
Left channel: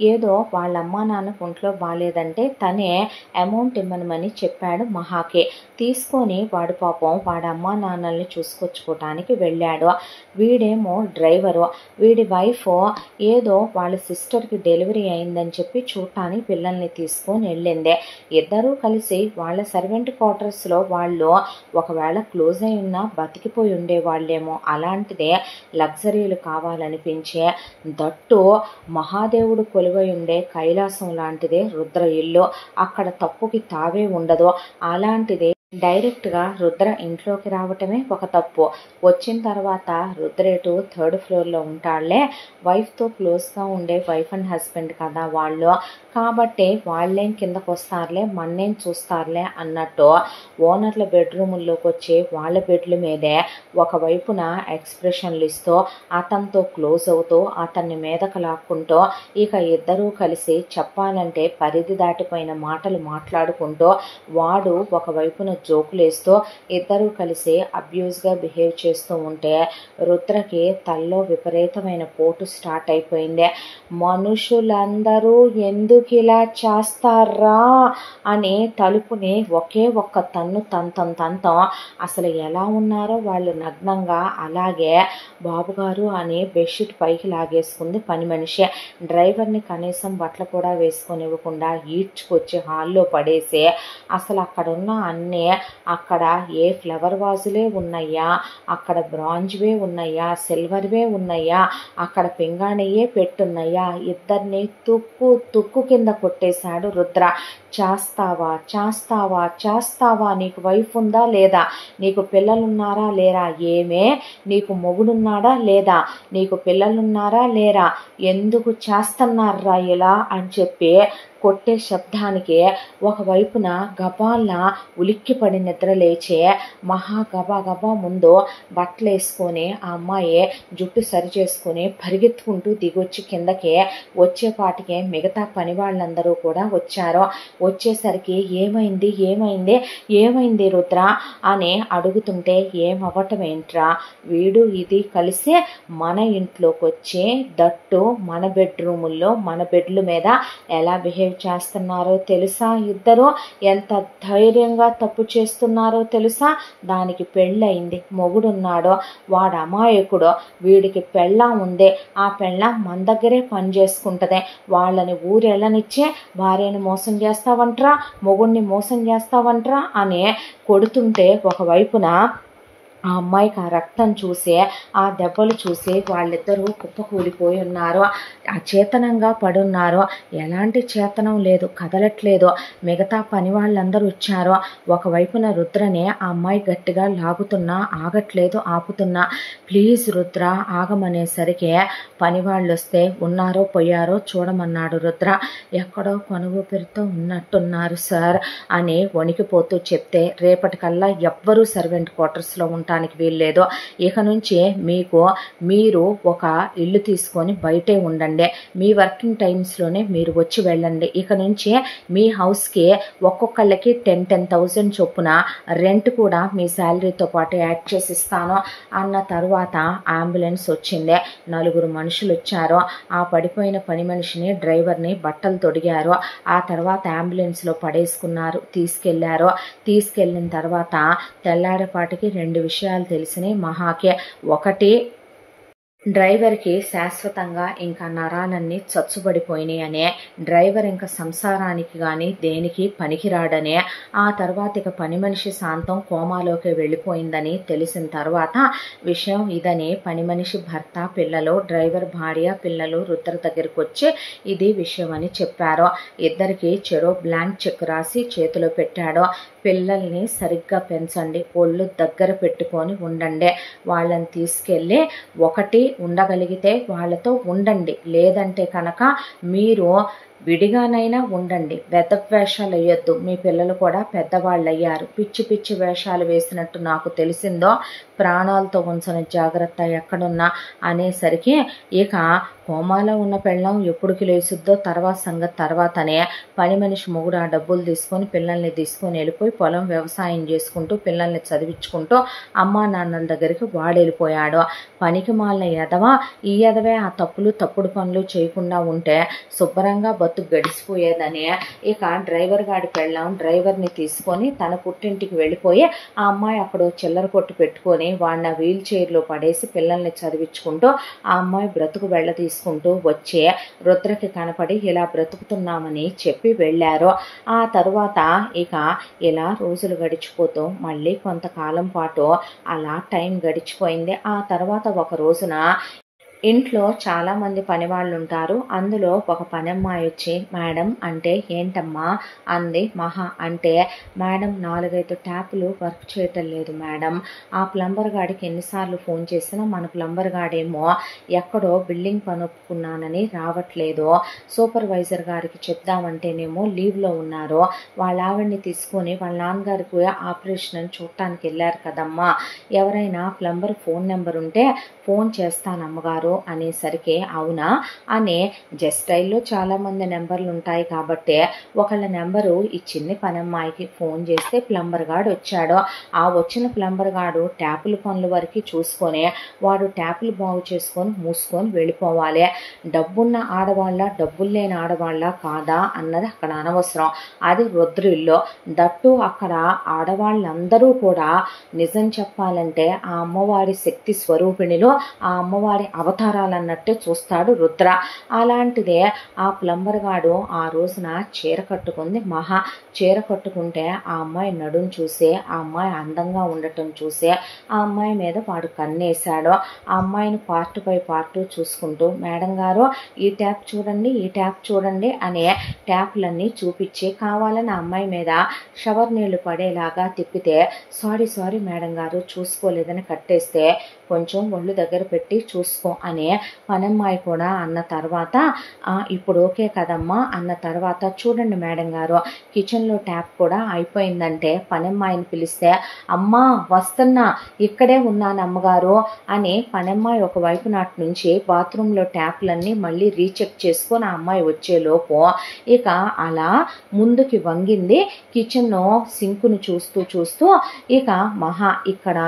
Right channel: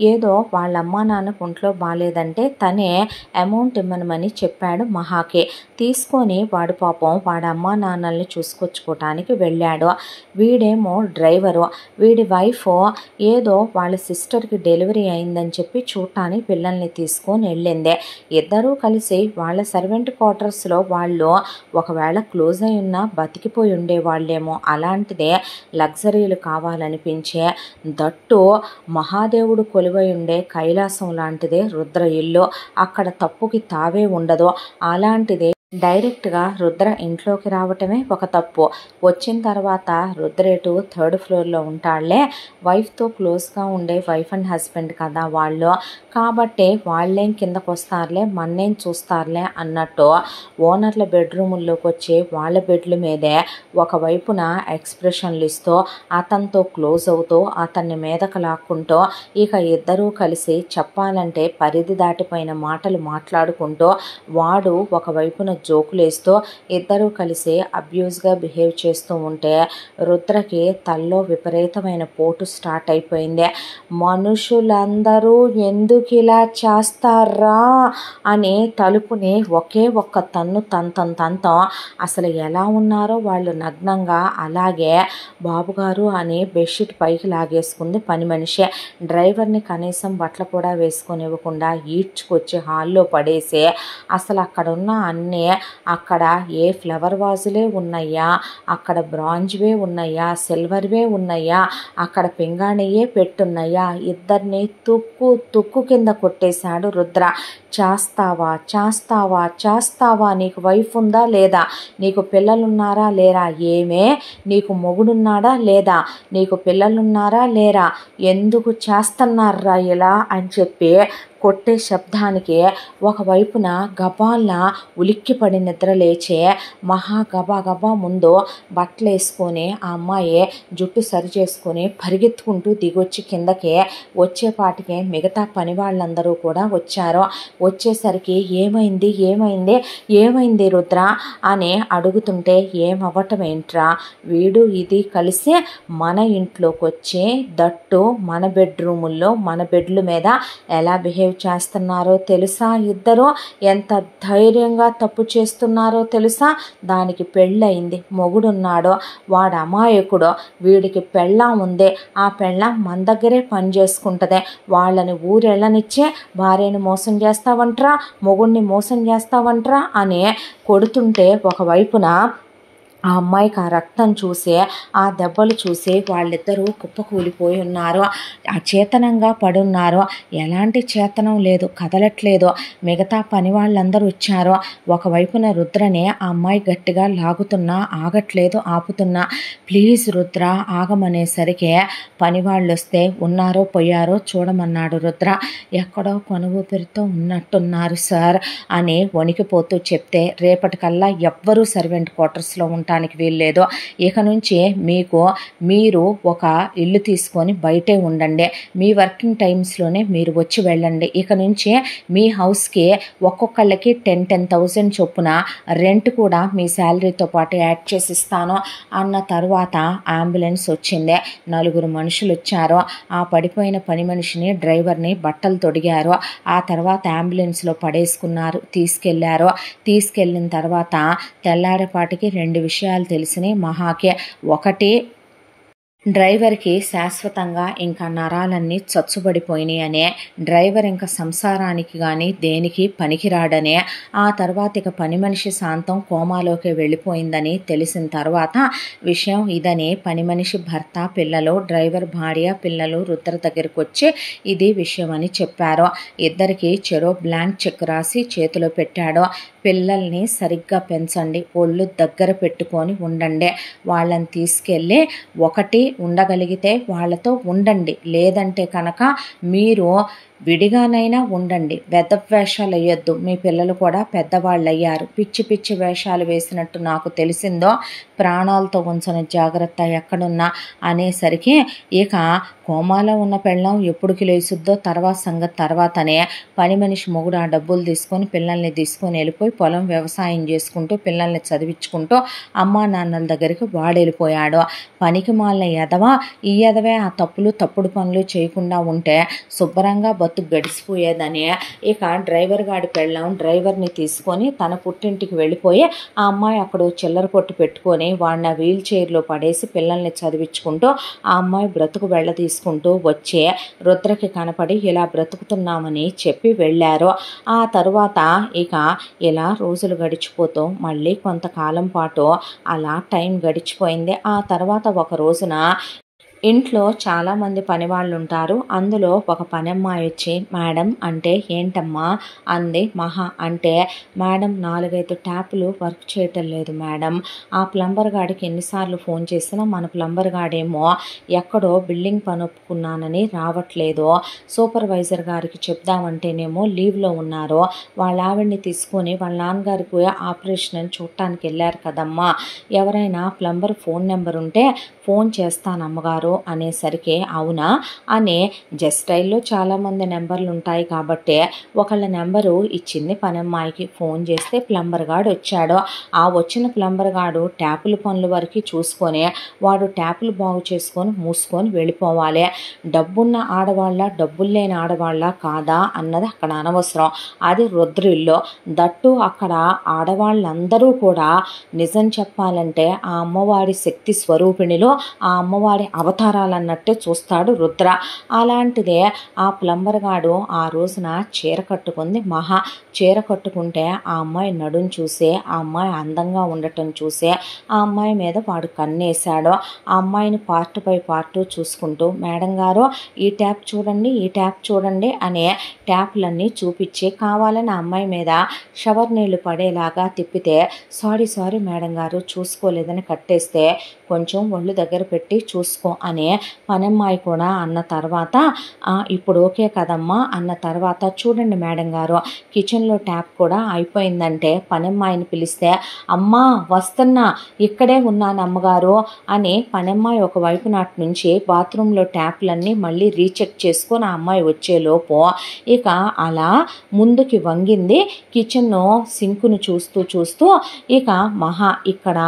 ఏదో వాళ్ళ అమ్మా నాన్నకు ఒంట్లో బాగాలేదంటే తనే అమౌంట్ ఇమ్మనమని చెప్పాడు మహాకి. తీసుకొని వాడు పాపం వాడి అమ్మా నాన్నల్ని చూసుకొచ్చుకోవటానికి వెళ్ళాడు. వీడేమో డ్రైవరు. వీడి వైఫ్ ఏదో వాళ్ళ సిస్టర్కి డెలివరీ అయిందని చెప్పి చూడటానికి పిల్లల్ని తీసుకొని వెళ్ళిందే. ఇద్దరూ కలిసి వాళ్ళ సర్వెంట్ క్వార్టర్స్లో వాళ్ళు ఒకవేళ క్లోజ్ అయి ఉన్నా బతికిపోయి ఉండేవాళ్ళేమో. అలాంటిదే లగ్జరీలు కావాలనిపించే, దట్టు మహాదేవుడు కొలువై ఉండే కైలాసం లాంటిదే రుద్ర ఇల్లు. అక్కడ తప్పుకి తావే ఉండదు. అలాంటిదే డైరెక్ట్గా రుద్ర ఇంట్లోకి రావటమే ఒక తప్పు. వచ్చిన తర్వాత రుద్రేటు 3rd ఫ్లోర్లో ఉంటాళ్లే. వైఫ్తో క్లోజ్గా ఉండే వైఫ్ అండ్ హస్బెండ్ కదా వాళ్ళు. కాబట్టి వాళ్ళేం కిందకు వస్తారులే, మన్నేం చూస్తారులే అన్నట్టు ఓనర్ల బెడ్రూముల్లోకి వచ్చి వాళ్ళ బెడ్ల మీదే ఒకవైపున ఎక్స్ప్రెషన్లు ఇస్తూ అతనితో క్లోజ్ అవుతూ అతన్ని మీదకు లాక్కుంటూ ఇక ఇద్దరూ కలిసి చెప్పాలంటే పరిధి దాటిపోయిన మాటలు మాట్లాడుకుంటూ వాడు ఒకవైపున జోకులేస్తూ ఇద్దరూ కలిసి అబ్యూస్గా బిహేవ్ చేస్తూ ఉంటే రుద్రకి తల్లో విపరీతమైన పోటు స్టార్ట్ అయిపోయింది. మనుషులందరూ ఎందుకు ఇలా చేస్తారా అని తలుపుని ఒకే ఒక్క తన్ను తంతం. అసలు ఎలా ఉన్నారో వాళ్ళు నగ్నంగా అలాగే బాబుగారు అని బెడ్షీట్ పైకి లాగేసుకుంది పని మనిషి. డ్రైవర్ని కనీసం బట్టలు కూడా వేసుకొనివ్వకుండా ఈడ్చుకొచ్చి హాల్లో పడేసి అసలు అక్కడున్న అన్నీ అక్కడ ఏ ఫ్లవర్ వాజులే ఉన్నాయా, అక్కడ బ్రాంజ్వే ఉన్నాయా, సిల్వర్వే ఉన్నాయా, అక్కడ పింగాణియే పెట్టున్నాయా, ఇద్దరిని తుక్కు కింద కొట్టేశాడు రుద్ర. చేస్తావా నీకు వైఫ్ ఉందా లేదా, నీకు పిల్లలున్నారా లేరా, ఏమే నీకు మొగుడున్నాడా లేదా, నీకు పిల్లలున్నారా లేరా, ఎందుకు చేస్తున్నారా ఇలా అని చెప్పి కొట్టే శబ్దానికి ఒకవైపున గబాల్లా ఉలిక్కిపడి నిద్ర లేచే మహా గబా ముందు బట్టలు వేసుకొని ఆ అమ్మాయి జుట్టు సరి చేసుకొని పరిగెత్తుకుంటూ దిగొచ్చి కిందకి వచ్చేపాటికే మిగతా పని వాళ్ళందరూ కూడా వచ్చారు. వచ్చేసరికి ఏమైంది రుద్ర అని అడుగుతుంటే ఏమవ్వటం ఏంట్రా, వీడు ఇది కలిసి మన ఇంట్లోకి వచ్చి దట్టు మన బెడ్రూముల్లో మన బెడ్ల మీద ఎలా బిహేవ్ చేస్తున్నారో తెలుసా, ఇద్దరు ఎంత ధైర్యంగా తప్పు చేస్తున్నారో తెలుసా. దానికి పెళ్ళయింది, మొగుడున్నాడో, వాడు అమాయకుడు, వీడికి పెళ్ళాం ఉంది, ఆ పెళ్ళాం మన దగ్గరే పని చేసుకుంటుంది, వాళ్ళని ఊరెళ్ళనిచ్చే భార్యని మోసం చేస్తావంట్రా, మొగుడిని మోసం చేస్తావంట్రా అని కొడుతుంటే ఒకవైపున ఆ అమ్మాయికి ఆ రక్తం చూసి ఆ దెబ్బలు చూసి వాళ్ళిద్దరూ కుప్పకూలిపోయి ఉన్నారు, అచేతనంగా పడున్నారు. ఎలాంటి చేతనం లేదు, కదలట్లేదు. మిగతా పని వాళ్ళందరూ వచ్చారు. ఒకవైపున రుద్రని ఆ అమ్మాయి గట్టిగా లాగుతున్నా ఆగట్లేదు, ఆపుతున్నా. ప్లీజ్ రుద్ర ఆగమనేసరికి పని వాళ్ళు వస్తే ఉన్నారో పోయారో చూడమన్నాడు రుద్ర. ఎక్కడో కొనుగోపెరితో ఉన్నట్టున్నారు సార్ అని వణికిపోతూ చెప్తే రేపటికల్లా ఎవ్వరూ సర్వెంట్ క్వార్టర్స్లో ఉంటారు వీల్లేదు. ఇక నుంచి మీరు ఒక ఇల్లు తీసుకొని బయటే ఉండండి, మీ వర్కింగ్ టైమ్స్లోనే మీరు వచ్చి వెళ్ళండి. ఇక నుంచి మీ హౌస్కి ఒక్కొక్కళ్ళకి 10,000 చొప్పున రెంట్ కూడా మీ శాలరీతో పాటు యాడ్ చేసి ఇస్తాను అన్న తర్వాత అంబులెన్స్ వచ్చింది. 4 మనుషులు వచ్చారు. ఆ పడిపోయిన పని మనిషిని డ్రైవర్ని బట్టలు తొడిగారు. ఆ తర్వాత అంబులెన్స్లో పడేసుకున్నారు, తీసుకెళ్ళిన తర్వాత తెల్లారేపాటికి 2 విషయాలు తెలిసినాయి మహాకే. ఒకటి, డ్రైవర్కి శాశ్వతంగా ఇంకా నరాలన్నీ చచ్చుబడిపోయినాయి అనే, డ్రైవర్ ఇంకా సంసారానికి కానీ దేనికి పనికిరాడనే, ఆ తర్వాత ఇక పని మనిషి శాంతం కోమాలోకి వెళ్ళిపోయిందని తెలిసిన తర్వాత విషయం ఇదని పని మనిషి భర్త, పిల్లలు, డ్రైవర్ భార్య, పిల్లలు రుద్ర దగ్గరికి వచ్చి ఇది విషయం అని చెప్పారు. ఇద్దరికి చెరో బ్లాంక్ చెక్ రాసి చేతిలో పెట్టాడు. పిల్లల్ని సరిగ్గా పెంచండి, ఒళ్ళు దగ్గర పెట్టుకొని ఉండండి, వాళ్ళని తీసుకెళ్ళి ఒకటి ఉండగలిగితే వాళ్ళతో ఉండండి, లేదంటే కనుక మీరు విడిగానైనా ఉండండి, వేషాలు వేయొద్దు, మీ పిల్లలు కూడా పెద్దవాళ్ళు అయ్యారు, పిచ్చి వేషాలు వేసినట్టు నాకు తెలిసిందో ప్రాణాలతో ఉంచని జాగ్రత్త ఎక్కడున్నా అనేసరికి ఇక కోమాలో ఉన్న పెళ్ళం ఎప్పుడుకి లేచుద్దో తర్వాత సంగతి తర్వాతనే. పని మనిషి మొగుడు ఆ డబ్బులు తీసుకొని పిల్లల్ని తీసుకొని వెళ్ళిపోయి పొలం వ్యవసాయం చేసుకుంటూ పిల్లల్ని చదివించుకుంటూ అమ్మా నాన్నల దగ్గరికి వాడు వెళ్ళిపోయాడు. పనికి మాలిన ఎదవ ఈ ఎదవే ఆ తప్పుడు పనులు చేయకుండా ఉంటే శుభ్రంగా బతుకు గడిచిపోయేదని ఇక డ్రైవర్ గాడి పెళ్ళాం డ్రైవర్ని తీసుకొని తన పుట్టింటికి వెళ్ళిపోయి ఆ అమ్మాయి అక్కడ చిల్లర కొట్టు పెట్టుకొని వాడిని వీల్ చైర్లో పడేసి పిల్లల్ని చదివించుకుంటూ ఆ అమ్మాయి బ్రతుకు వెళ్ళ తీసుకుంటూ వచ్చే రుద్రకి కనపడి ఇలా బ్రతుకుతున్నామని చెప్పి వెళ్ళారు. ఆ తరువాత ఇక ఇలా రోజులు గడిచిపోతూ మళ్ళీ కొంతకాలం పాటు అలా టైం గడిచిపోయింది. ఆ తర్వాత ఒక రోజున ఇంట్లో చాలామంది పని వాళ్ళు ఉంటారు. అందులో ఒక పనమ్మాయి వచ్చి మేడం అంటే ఏంటమ్మా అంది. మహా అంటే మేడం 4-5 ట్యాపులు వర్క్ చేయటం లేదు మేడం. ఆ ప్లంబర్ గాడికి ఎన్నిసార్లు ఫోన్ చేసినా మన ప్లంబర్ గాడేమో ఎక్కడో బిల్డింగ్ పని ఒప్పుకున్నానని రావట్లేదు. సూపర్వైజర్ గారికి చెప్దామంటేనేమో లీవ్లో ఉన్నారు. వాళ్ళ ఆవిడ్ని తీసుకొని వాళ్ళ నాన్నగారికి ఆపరేషన్ అని చూడటానికి వెళ్ళారు కదమ్మా. ఎవరైనా ప్లంబర్ ఫోన్ నెంబర్ ఉంటే ఫోన్ చేస్తానమ్మగారు అనేసరికి అవునా అనే జస్టైల్లో చాలామంది నెంబర్లు ఉంటాయి కాబట్టి ఒకళ్ళ నెంబరు ఇచ్చింది పనమ్మాయికి. ఫోన్ చేస్తే ప్లంబర్ గాడు వచ్చాడు. ఆ వచ్చిన ప్లంబర్ గాడు ట్యాపుల పనుల వరకు చూసుకొని వాడు ట్యాపులు బాగు చేసుకొని మూసుకొని వెళ్ళిపోవాలి. డబ్బున్న ఆడవాళ్ళ డబ్బులు లేని ఆడవాళ్ళ కాదా అన్నది అక్కడ అనవసరం. అది రుద్రిల్లో దట్టు అక్కడ ఆడవాళ్ళందరూ కూడా నిజం చెప్పాలంటే ఆ అమ్మవారి శక్తి స్వరూపిణిలో ఆ అమ్మవారి అవతారాలన్నట్టే చూస్తాడు రుద్ర. అలాంటిదే ఆ ప్లంబర్ గాడు ఆ రోజున చీర కట్టుకుంది. మహా చీర కట్టుకుంటే ఆ అమ్మాయి నడుం చూసే ఆ అమ్మాయి అందంగా ఉండటం చూసే ఆ అమ్మాయి మీద వాడు కన్నేశాడు. ఆ అమ్మాయిని పార్ట్ బై పార్ట్ చూసుకుంటూ మేడం గారు ఈ ట్యాప్ చూడండి ఈ ట్యాప్ చూడండి అనే ట్యాప్లన్నీ చూపించి కావాలని ఆ అమ్మాయి మీద షవర్ నీళ్లు పడేలాగా తిప్పితే సారీ మేడం గారు చూసుకోలేదని కట్టేస్తే కొంచెం ఒళ్ళు దగ్గర పెట్టి చూసుకో అనే పనమ్మాయి కూడా అన్న తర్వాత ఇప్పుడు ఓకే కదమ్మా అన్న తర్వాత చూడండి మేడం గారు కిచెన్లో ట్యాప్ కూడా అయిపోయిందంటే పనమ్మాయిని పిలిస్తే అమ్మా వస్తున్నా ఇక్కడే ఉన్నాను అమ్మగారు అని పనమ్మాయి ఒకవైపు నాటి నుంచి బాత్రూంలో ట్యాప్లన్నీ మళ్ళీ రీచెక్ చేసుకొని ఆ అమ్మాయి వచ్చేలోపు ఇక అలా ముందుకి వంగింది. కిచెన్ సింకును చూస్తూ ఇక మహా ఇక్కడ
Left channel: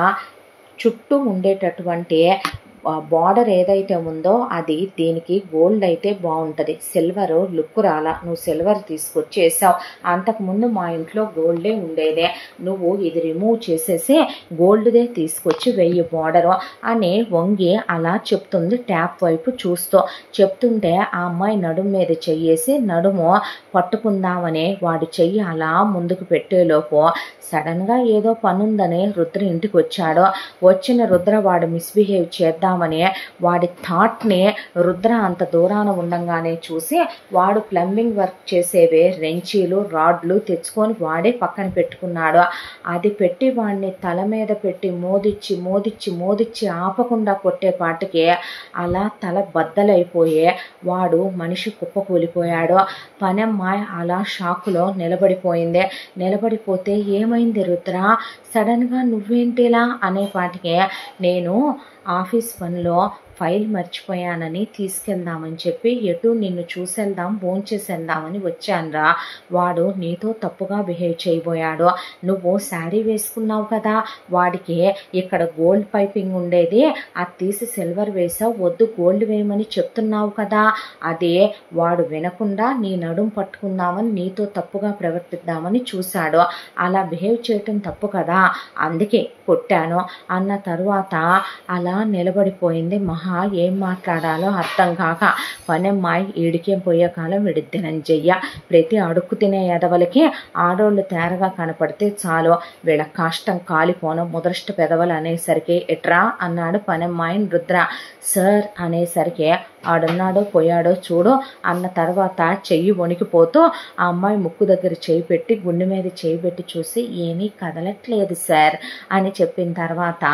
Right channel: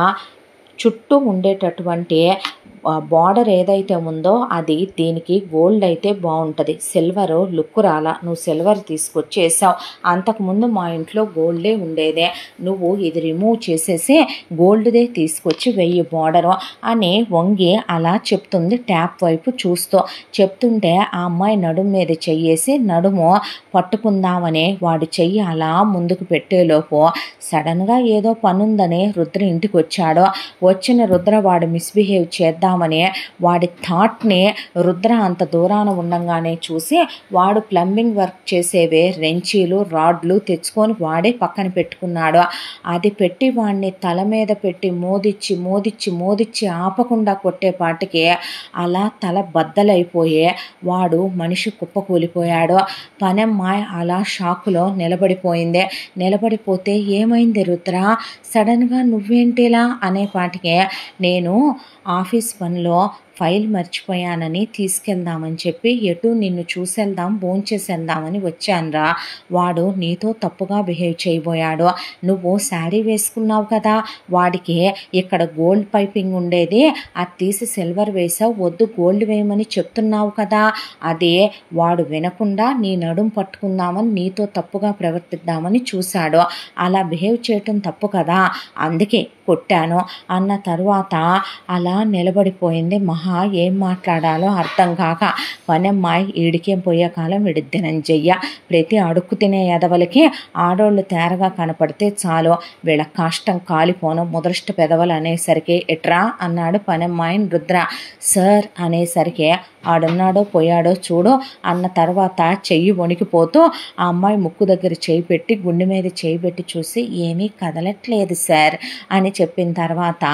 చుట్టూ ఉండేటటువంటి బార్డర్ ఏదైతే ఉందో అది దీనికి గోల్డ్ అయితే బాగుంటుంది. సిల్వర్ లుక్ రాలా. నువ్వు సిల్వర్ తీసుకొచ్చేసావు. అంతకుముందు మా ఇంట్లో గోల్డే ఉండేదే. నువ్వు ఇది రిమూవ్ చేసేసి గోల్డ్దే తీసుకొచ్చి వెయ్యి బార్డరు అని వంగి అలా చెప్తుంది ట్యాప్ వైపు చూస్తూ. చెప్తుంటే ఆ అమ్మాయి నడుము మీద చెయ్యేసి నడుము పట్టుకుందామని వాడు చెయ్యి అలా ముందుకు పెట్టేలోపు సడన్గా ఏదో పనుందని రుద్ర ఇంటికి వచ్చాడు. వచ్చిన రుద్ర వాడు మిస్బిహేవ్ చేద్దామని వాడి థాట్ని రుద్ర అంత దూరాన ఉండంగానే చూసి వాడు ప్లంబింగ్ వర్క్ చేసేవే రెంచీలు రాడ్లు తెచ్చుకొని వాడే పక్కన పెట్టుకున్నాడు. అది పెట్టి వాడిని తల మీద పెట్టి మోదిచ్చి ఆపకుండా కొట్టేపాటికి అలా తల బద్దలైపోయే వాడు మనిషి కుప్పకూలిపోయాడు. పనమ్మాయి అలా షాకులో నిలబడిపోయింది. నిలబడిపోతే ఏమైంది రుద్ర సడన్గా నువ్వేంటిలా అనేపాటికే నేను ఆఫీస్ పనిలో ఫైల్ మర్చిపోయానని తీసుకెళ్దామని చెప్పి ఎటు నిన్ను చూసేద్దాం భోంచేసేద్దామని వచ్చానురా. వాడు నీతో తప్పుగా బిహేవ్ చేయబోయాడు. నువ్వు శారీ వేసుకున్నావు కదా వాడికి ఇక్కడ గోల్డ్ పైపింగ్ ఉండేది అది తీసి సిల్వర్ వేసావు వద్దు గోల్డ్ వేయమని చెప్తున్నావు కదా అదే వాడు వినకుండా నీ నడుం పట్టుకుందామని నీతో తప్పుగా ప్రవర్తిద్దామని చూశాడు. అలా బిహేవ్ చేయటం తప్పు కదా అందుకే కొట్టాను అన్న తర్వాత అలా నిలబడిపోయింది మహా. ఏం మాట్లాడాలో అర్థం కాక పనమ్మాయి ఈడికేం పోయే కాలం విడిద్దెనంజయ్య. ప్రతి అడుక్కు తినే ఎదవలకి ఆడోళ్ళు తేరగా కనపడితే చాలు వీళ్ళ కాష్టం కాలిపోను ముదృష్ట పెదవలు అనేసరికి ఎట్రా అన్నాడు పనమ్మాయిని రుద్ర. సార్ అనేసరికి ఆడున్నాడో పోయాడో చూడు అన్న తర్వాత చెయ్యి వణికిపోతూ ఆ అమ్మాయి ముక్కు దగ్గర చేయి పెట్టి గుండె మీద చేయి పెట్టి చూసి ఏమీ కదలట్లేదు సార్ అని చెప్పిన తర్వాత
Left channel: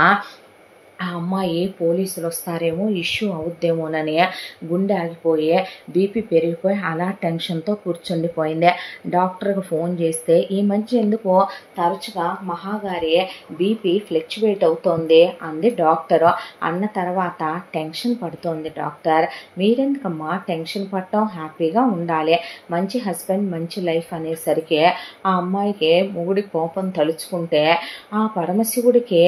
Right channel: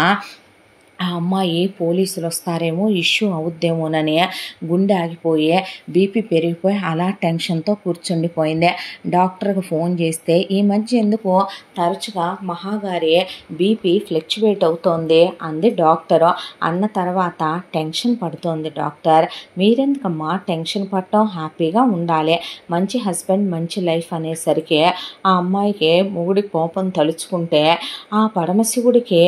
ఆ అమ్మాయి పోలీసులు వస్తారేమో, ఇష్యూ అవుద్దేమోనని గుండె ఆగిపోయి బీపీ పెరిగిపోయి అలా టెన్షన్తో కూర్చుండిపోయింది. డాక్టర్కి ఫోన్ చేస్తే ఈ మధ్య ఎందుకో తరచుగా మహాగారి బీపీ ఫ్లక్చువేట్ అవుతోంది అంది డాక్టరు. అన్న తర్వాత టెన్షన్ పడుతోంది డాక్టర్. మీరెందుకమ్మా టెన్షన్ పడటం, హ్యాపీగా ఉండాలి, మంచి హస్బెండ్ మంచి లైఫ్ అనేసరికి ఆ అమ్మాయికి మొగుడి కోపం తలుచుకుంటే ఆ పరమశివుడికి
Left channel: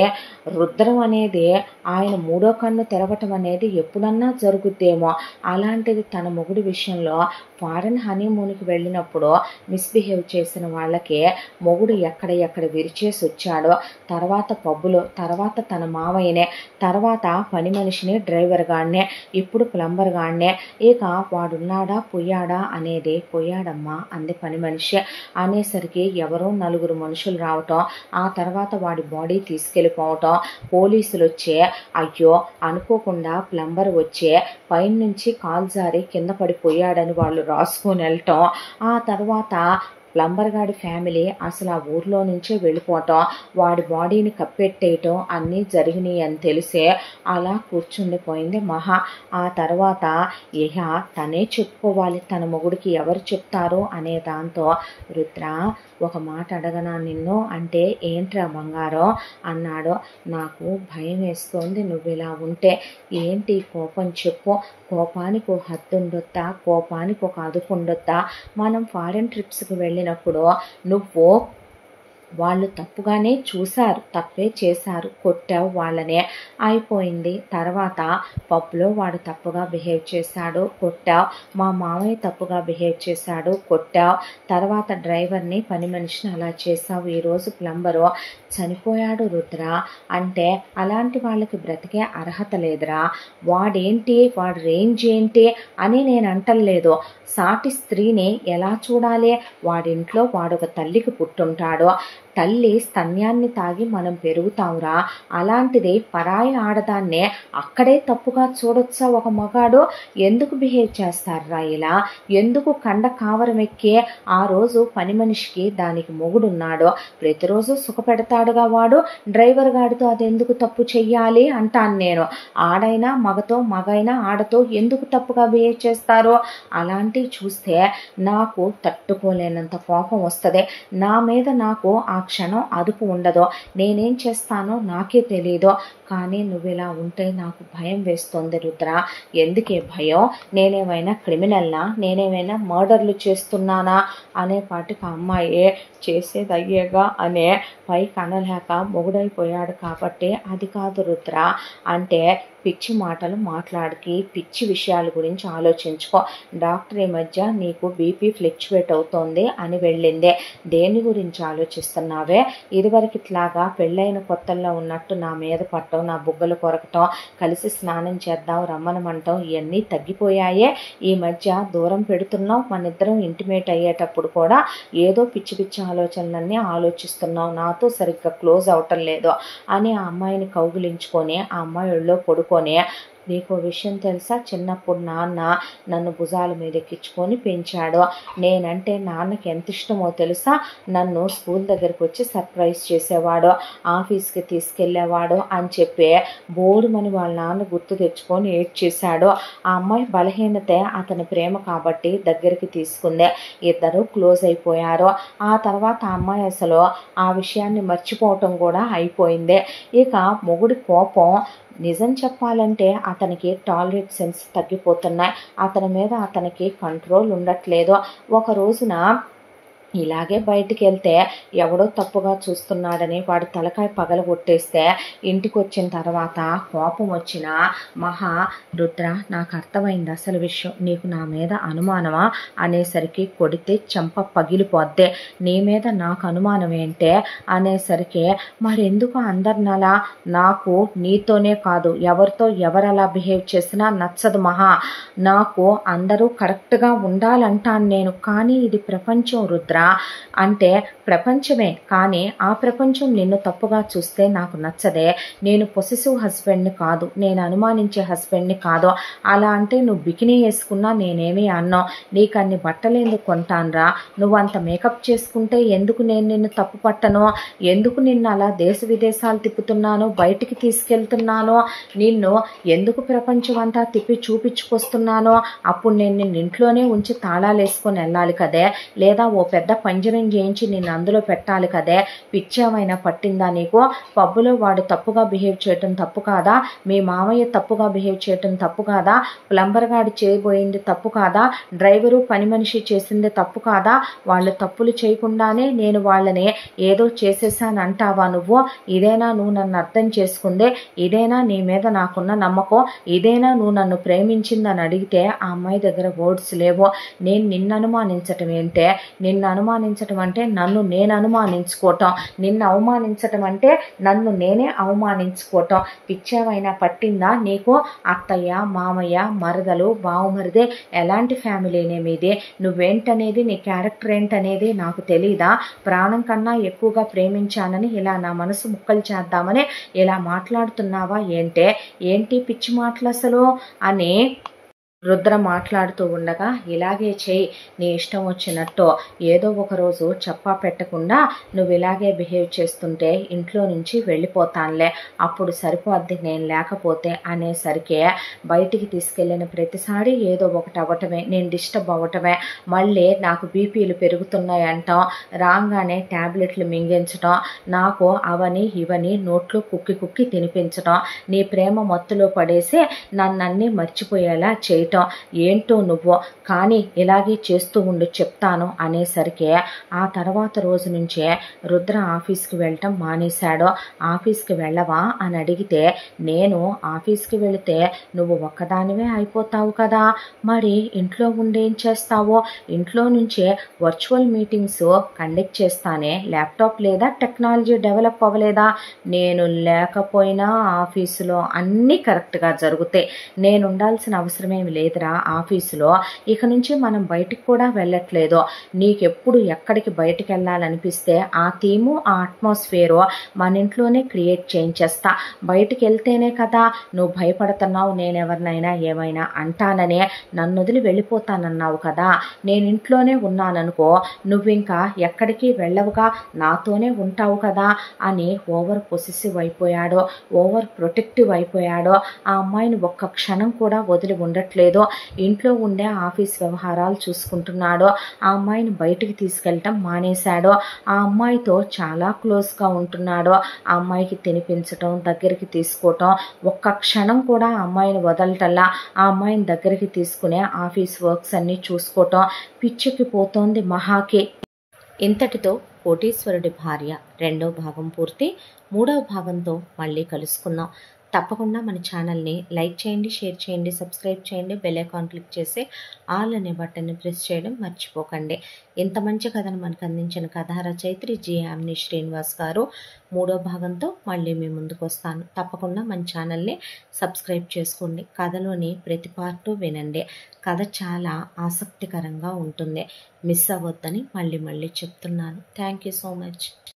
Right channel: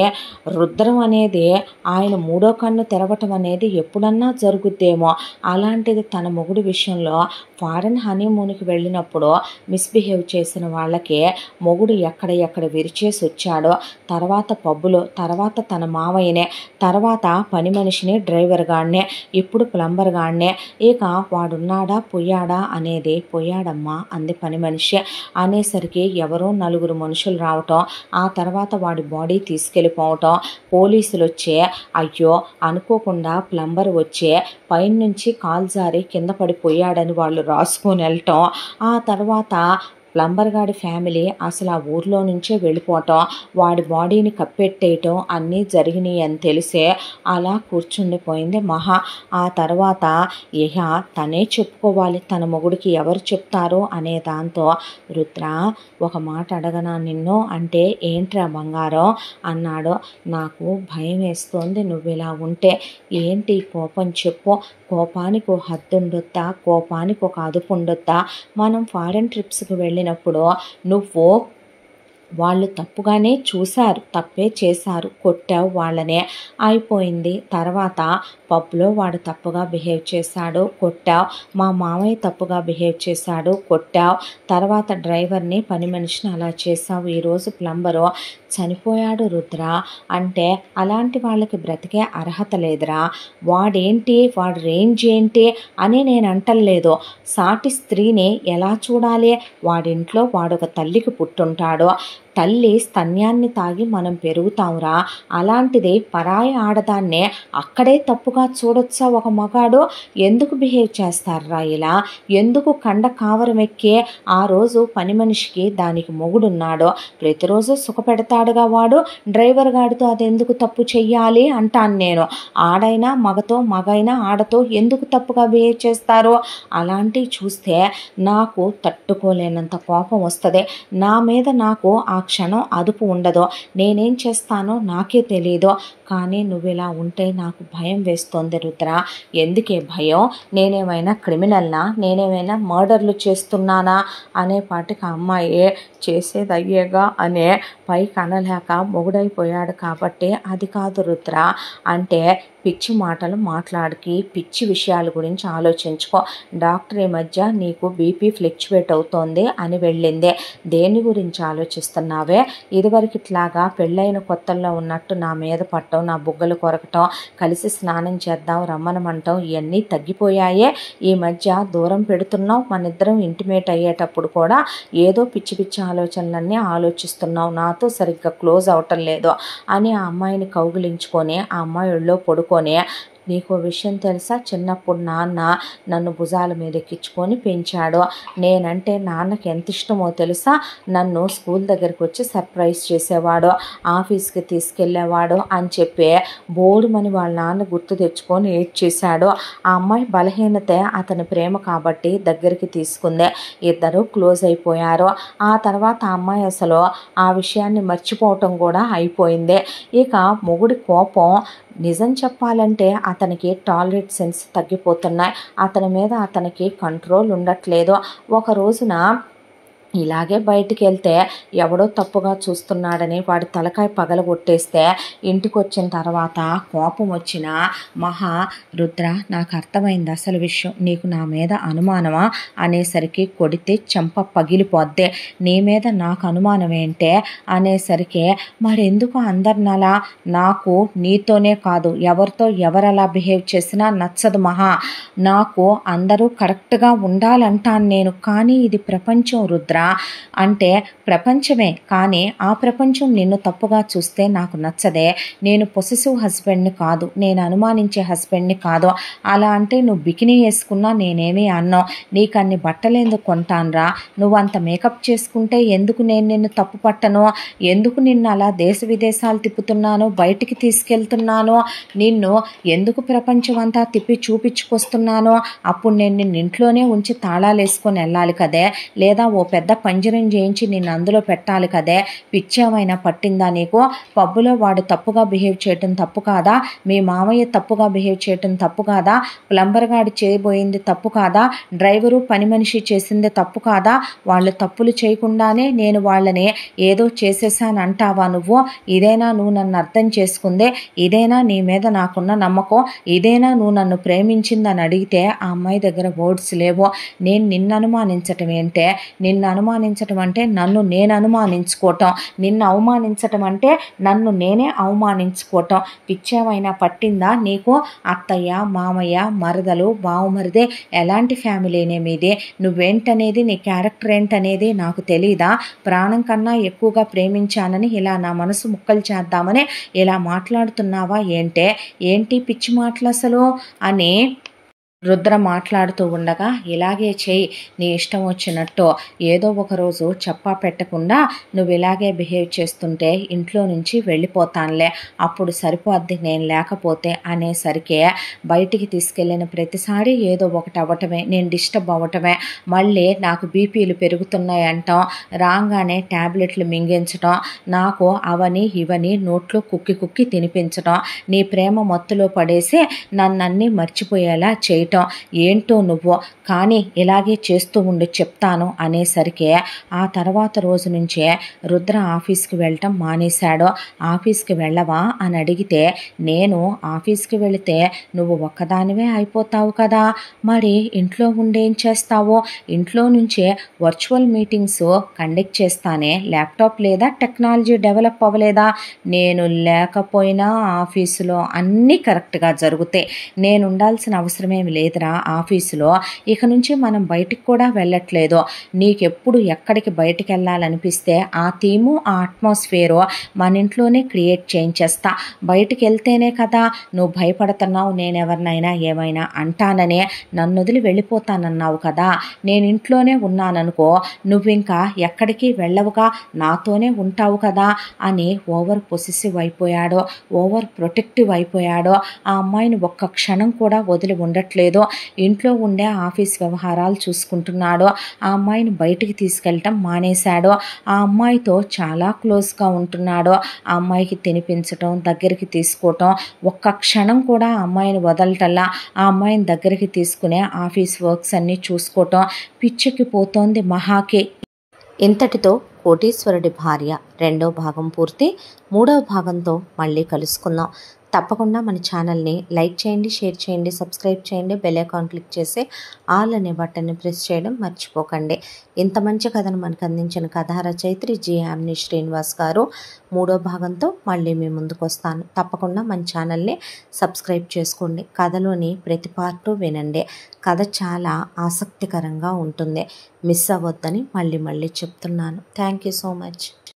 రుద్రం అనేది ఆయన మూడో కన్ను తెరవటం అనేది ఎప్పుడన్నా జరుగుద్దేమో. అలాంటిది తన మొగుడి విషయంలో ఫారెన్ హనీమూన్కి వెళ్ళినప్పుడు మిస్బిహేవ్ చేసిన వాళ్ళకి మొగుడు ఎక్కడ విరిచేసి వచ్చాడో, తర్వాత పబ్బులో, తర్వాత తన మావయ్యనే, తర్వాత పని మనిషిని, డ్రైవర్ గాడినే, ఇప్పుడు ప్లంబర్ గాడినే. ఇక వాడున్నాడా పోయాడా అనేది, పోయాడమ్మా అంది పని మనిషి. అనేసరికి ఎవరో నలుగురు మనుషులు రావటం, ఆ తర్వాత వాడి బాడీ తీసుకెళ్ళిపోవటం, పోలీసులు వచ్చే అయ్యో అనుకోకుండా ప్లంబర్ వచ్చే పైనుంచి కాలు జారి కింద పడిపోయాడని వాళ్ళు రాసుకొని వెళ్ళటం, ఆ తర్వాత ప్లంబర్ గాడి ఫ్యామిలీ అసలు ఆ ఊర్లో నుంచే వెళ్ళిపోవటం, వాడి బాడీని కప్పెట్టేయటం అన్నీ జరిగినాయి అని తెలిసే అలా కూర్చుండిపోయింది మహా. ఆ తర్వాత ఇహ తనే చెప్పుకోవాలి తన మొగుడికి, ఎవరు చెప్తారు అనే దాంతో రుద్ర ఒక మాట అడగనా నిన్ను అంటే, ఏంట్రా బంగారం అన్నాడు. నాకు భయం వేస్తోంది నువ్వు ఇలా ఉంటే. ఏంటి కోపం చెప్పు, కోపానికి ఒక హద్దు ఉండొద్దా, కోపానికి ఒక అదుపు ఉండొద్దా? మనం ఫారెన్ ట్రిప్స్కి వెళ్ళినప్పుడు నువ్వు వాళ్ళు తప్పుగానే చూశారు, తప్పే చేశారు, కొట్టావు వాళ్ళనే, అయిపోయింది. తర్వాత పబ్లో వాడు తప్పుగా బిహేవ్ చేశాడు, కొట్టావు, మా మామయ్య తప్పుగా బిహేవ్ చేశాడు, కొట్టావు, తర్వాత డ్రైవర్ని పని మనిషిని అలా చేశావు, ఈరోజు ప్లంబరు చనిపోయాడు రుద్ర అంటే అలాంటి వాళ్ళకి బ్రతికే అర్హత లేదురా. వాడేంటి, వాడి రేంజ్ ఏంటి అని నేను అంటలేదు. సాటి స్త్రీని ఎలా చూడాలి? వాడింట్లో వాడొక తల్లికి పుట్టుంటాడు, తల్లి స్తన్యాన్ని తాగి మనం పెరుగుతాంరా. అలాంటిది పరాయి ఆడదాన్నే అక్కడే తప్పుగా చూడొచ్చా ఒక మగాడు? ఎందుకు బిహేవ్ చేస్తారా ఇలా? ఎందుకు కండ కావరం ఎక్కి ఆ రోజు పని మనిషికి దానికి మొగుడున్నాడు, ప్రతిరోజు సుఖపెడతాడుగా వాడు, డ్రైవర్ గాడితో అదెందుకు తప్పు చెయ్యాలి అంటాను నేను. ఆడైనా మగతో, మగైనా ఆడతో ఎందుకు తప్పుగా బిహేవ్ చేస్తారో అలాంటివి చూస్తే నాకు తట్టుకోలేనంత కోపం వస్తుంది. నా మీద నాకు ఆ క్షణం అదుపు ఉండదు. నేనేం చేస్తానో నాకే తెలీదు. కానీ నువ్వు ఇలా ఉంటే నాకు భయం వేస్తోంది రుద్ర. ఎందుకే భయం? నేనేమైనా క్రిమినల్నా? నేనేమైనా మర్డర్లు చేస్తున్నానా? అనేపాటికి అమ్మాయి చేసేది అయ్యేగా అనే పైకి అనలేక మొగుడైపోయాడు కాబట్టి అది కాదు రుద్ర అంటే, పిచ్చి మాటలు మాట్లాడికి, పిచ్చి విషయాల గురించి ఆలోచించుకో. డాక్టర్ ఈ మధ్య నీకు బీపీ ఫ్లక్చువేట్ అవుతోంది అని వెళ్ళిందే, దేని గురించి ఆలోచిస్తున్నావే? ఇదివరకు ఇట్లాగా పెళ్ళైన కొత్తల్లో ఉన్నట్టు నా మీద పట్టడం, నా బుగ్గలు కొరకటం, కలిసి స్నానం చేద్దాం రమ్మనమంటాం, ఇవన్నీ తగ్గిపోయాయే. ఈ మధ్య దూరం పెడుతున్నావు, మన ఇద్దరం ఇంటిమేట్ అయ్యేటప్పుడు కూడా ఏదో పిచ్చి పిచ్చి ఆలోచనలన్నీ ఆలోచిస్తున్నావు, నాతో సరిగ్గా క్లోజ్ అవటం లేదు అని ఆ అమ్మాయిని కౌగిలించుకొని ఆ అమ్మాయి ఒళ్ళో పడుకొని, నీకు విషయం తెలుసా, చిన్నప్పుడు నాన్న నన్ను భుజాల మీద ఎక్కించుకొని పెంచాడు, నేనంటే నాన్నకి ఎంత ఇష్టమో తెలుసా, నన్ను స్కూల్ దగ్గరికి వచ్చి సర్ప్రైజ్ చేసేవాడు, ఆఫీస్కి తీసుకెళ్ళేవాడు అని చెప్పి బోడుమని వాళ్ళ నాన్న గుర్తు తెచ్చుకొని ఏడ్చేశాడు. ఆ అమ్మాయి బలహీనతే అతని ప్రేమ కాబట్టి దగ్గరికి తీసుకుందే, ఇద్దరు క్లోజ్ అయిపోయారు. ఆ తర్వాత ఆ అమ్మాయి అసలు ఆ విషయాన్ని మర్చిపోవటం కూడా అయిపోయింది. ఇక మొగుడి కోపం నిజం చెప్పాలంటే అతనికి టాలరెట్ సెన్స్ తగ్గిపోతున్నాయి, అతని మీద అతనికి కంట్రోల్ ఉండట్లేదు. ఒక రోజున ఇలాగే బయటికి వెళ్తే ఎవడో తప్పుగా చూస్తున్నాడని వాడి తలకాయ పగలగొట్టేస్తే ఇంటికి వచ్చిన తర్వాత కోపం వచ్చిన మహా, రుద్ర నాకు అర్థమైంది అసలు విషయం, నీకు నా మీద అనుమానమా అనేసరికి కొడితే చెంప పగిలిపోద్దే, నీ మీద నాకు అనుమానం ఏంటే అనేసరికి, మరెందుకు అందరినలా, నాకు నీతోనే కాదు ఎవరితో ఎవరలా బిహేవ్ చేసినా నచ్చదు మహా, నాకు అందరూ కరెక్ట్గా ఉండాలంటాను నేను, కానీ ఇది ప్రపంచం రుద్ర, చెప్తారా అంటే ప్రపంచమే, కానీ ఆ ప్రపంచం నిన్ను తప్పుగా చూస్తే నాకు నచ్చదే. నేను పొసెసివ్ హస్బెండ్ని కాదు, నేను అనుమానించే హస్బెండ్ని కాదు. అలా అంటే నువ్వు బికినీ వేసుకున్నా నేనేమీ అన్నావు. నీకు అన్ని బట్టలు ఎందుకు కొంటానురా? నువ్వు అంత మేకప్ చేసుకుంటే ఎందుకు నేను నిన్ను తప్పు పట్టను? ఎందుకు నిన్ను అలా దేశ విదేశాలు తిప్పుతున్నాను, బయటికి తీసుకెళ్తున్నాను, నిన్ను ఎందుకు ప్రపంచం అంతా తిప్పి చూపించుకొస్తున్నాను? అప్పుడు నేను నిన్ను ఇంట్లోనే ఉంచి తాళాలు వేసుకొని వెళ్ళాలి కదే, లేదా ఓ పెద్ద పంజరం చేయించి నిన్ను అందులో పెట్టాలి కదే. పిచ్చేమైనా పట్టిందా నీకు? పబ్బులో వాడు తప్పుగా బిహేవ్ చేయటం తప్పు కాదా? మీ మామయ్య తప్పుగా బిహేవ్ చేయటం తప్పు కాదా? ప్లంబర్ గాడు చేయబోయింది తప్పు కాదా? డ్రైవరు పని మనిషి చేసింది తప్పు కాదా? వాళ్ళు తప్పులు చేయకుండానే నేను వాళ్ళని ఏదో చేసేసాను అంటావా నువ్వు? ఇదేనా నువ్వు నన్ను అర్థం చేసుకుందే? ఇదేనా నీ మీద నాకున్న నమ్మకం? ఇదేనా నువ్వు నన్ను ప్రేమించిందని అడిగితే ఆ అమ్మాయి దగ్గర వర్డ్స్ లేవు. నేను నిన్ను అనుమానించటం ఏంటే? నిన్ను అనుమానించటం అంటే నన్ను నేను అనుమానించుకోవటం, నిన్ను అవమానించటం అంటే నన్ను నేనే అవమానించుకోవటం. పిచ్చేమైనా పట్టిందా నీకు? అత్తయ్య, మామయ్య, మరదలు, బావమరిదే ఎలాంటి ఫ్యామిలీనే మీది? నువ్వేంటనేది, నీ క్యారెక్టర్ ఏంటనేది నాకు తెలీదా? ప్రాణం కన్నా ఎక్కువగా ప్రేమించానని ఇలా నా మనసు ముక్కలు చేద్దామని ఇలా మాట్లాడుతున్నావా ఏంటే? ఏంటి పిచ్చి మాటలు అసలు అని రుద్ర మాట్లాడుతూ ఉండగా, ఇలాగే చేయి, నీ ఇష్టం వచ్చినట్టు. ఏదో ఒకరోజు చెప్పా పెట్టకుండా నువ్వు ఇలాగే బిహేవ్ చేస్తుంటే ఇంట్లో నుంచి వెళ్ళిపోతానులే, అప్పుడు సరిపోద్ది నేను లేకపోతే అనేసరికి బయటికి తీసుకెళ్ళిన ప్రతిసారి ఏదో ఒకటి అవ్వటమే, నేను డిస్టర్బ్ అవ్వటమే. మళ్ళీ నాకు బీపీలు పెరుగుతున్నాయి అంటాం, రాగానే ట్యాబ్లెట్లు మింగించడం, నాకు అవని ఇవని నోట్లో కుక్కి కుక్కి తినిపించడం, నీ ప్రేమ మత్తులో పడేసి నన్నన్నీ మర్చిపోయేలా చేయటం. ఏంటో నువ్వు, కానీ ఇలాగే చేస్తూ ఉండి చెప్తాను అనేసరికి ఆ తర్వాత రోజు నుంచే రుద్ర ఆఫీస్కి వెళ్ళటం మానేశాడు. ఆఫీస్కి వెళ్ళవా అని అడిగితే, నేను ఆఫీస్కి వెళితే నువ్వు ఒక్కదానివే అయిపోతావు కదా, మరి ఇంట్లో ఉండేం చేస్తావో? ఇంట్లో నుంచే వర్చువల్ మీటింగ్స్ కండక్ట్ చేస్తానే, ల్యాప్టాప్ లేదా టెక్నాలజీ డెవలప్ అవ్వలేదా? నేను లేకపోయినా ఆఫీసులో అన్నీ కరెక్ట్గా జరుగుతాయి. నేను ఉండాల్సిన అవసరమేమి లేదురా ఆఫీసులో. ఇక నుంచి మనం బయటికి కూడా వెళ్ళట్లేదు. నీకెప్పుడు ఎక్కడికి బయటికి వెళ్ళాలనిపిస్తే ఆ థీము, ఆ అట్మాస్ఫియరు మన ఇంట్లోనే క్రియేట్ చేయించేస్తా. బయటికి వెళ్తేనే కదా నువ్వు భయపడుతున్నావు, నేను ఎవరినైనా ఏమైనా అంటాననే నన్ను వదిలి వెళ్ళిపోతానన్నావు కదా. నేను ఇంట్లోనే ఉన్నాననుకో, నువ్వు ఇంకా ఎక్కడికి వెళ్ళవుగా, నాతోనే ఉంటావు కదా అని ఓవర్ పొసెసివ్ అయిపోయాడు, ఓవర్ ప్రొటెక్టివ్ అయిపోయాడు. ఆ అమ్మాయిని ఒక్క క్షణం కూడా వదిలి ఉండట్లేదు. ఇంట్లో ఉండే ఆఫీస్ వ్యవహారాలు చూసుకుంటున్నాడు. ఆ అమ్మాయిని బయటికి తీసుకెళ్ళటం మానేశాడు. ఆ అమ్మాయితో చాలా క్లోజ్గా ఉంటున్నాడు. ఆ అమ్మాయికి తినిపించటం, దగ్గరికి తీసుకోవటం, ఒక్క క్షణం కూడా ఆ అమ్మాయిని వదలటల్లా. ఆ అమ్మాయిని దగ్గరికి తీసుకునే ఆఫీస్ వర్క్స్ అన్నీ చూసుకోవటం. పిచ్చెక్కి పోతోంది మహాకి. ఇంతటితో కోటీశ్వరుడి భార్య 2వ భాగం పూర్తి. 3వ భాగంతో మళ్ళీ కలుసుకుందాం. తప్పకుండా మన ఛానల్ని లైక్ చేయండి, షేర్ చేయండి, సబ్స్క్రైబ్ చేయండి, బెల్ ఐకాన్ క్లిక్ చేసి ఆల్ అనే బటన్ని ప్రెస్ చేయడం మర్చిపోకండి. ఇంత మంచి కథను మనకు అందించిన కథా రచయిత్రి జి. యామిని శ్రీనివాస్ గారు. 3వ భాగంతో మళ్ళీ మీ ముందుకు వస్తాను. తప్పకుండా మన ఛానల్ని సబ్స్క్రైబ్ చేసుకోండి. కథలోని ప్రతి పార్టు వినండి. కథ చాలా ఆసక్తికరంగా ఉంటుంది. మిస్ అవ్వద్దని మళ్ళీ చెప్తున్నాను. Thank you so much.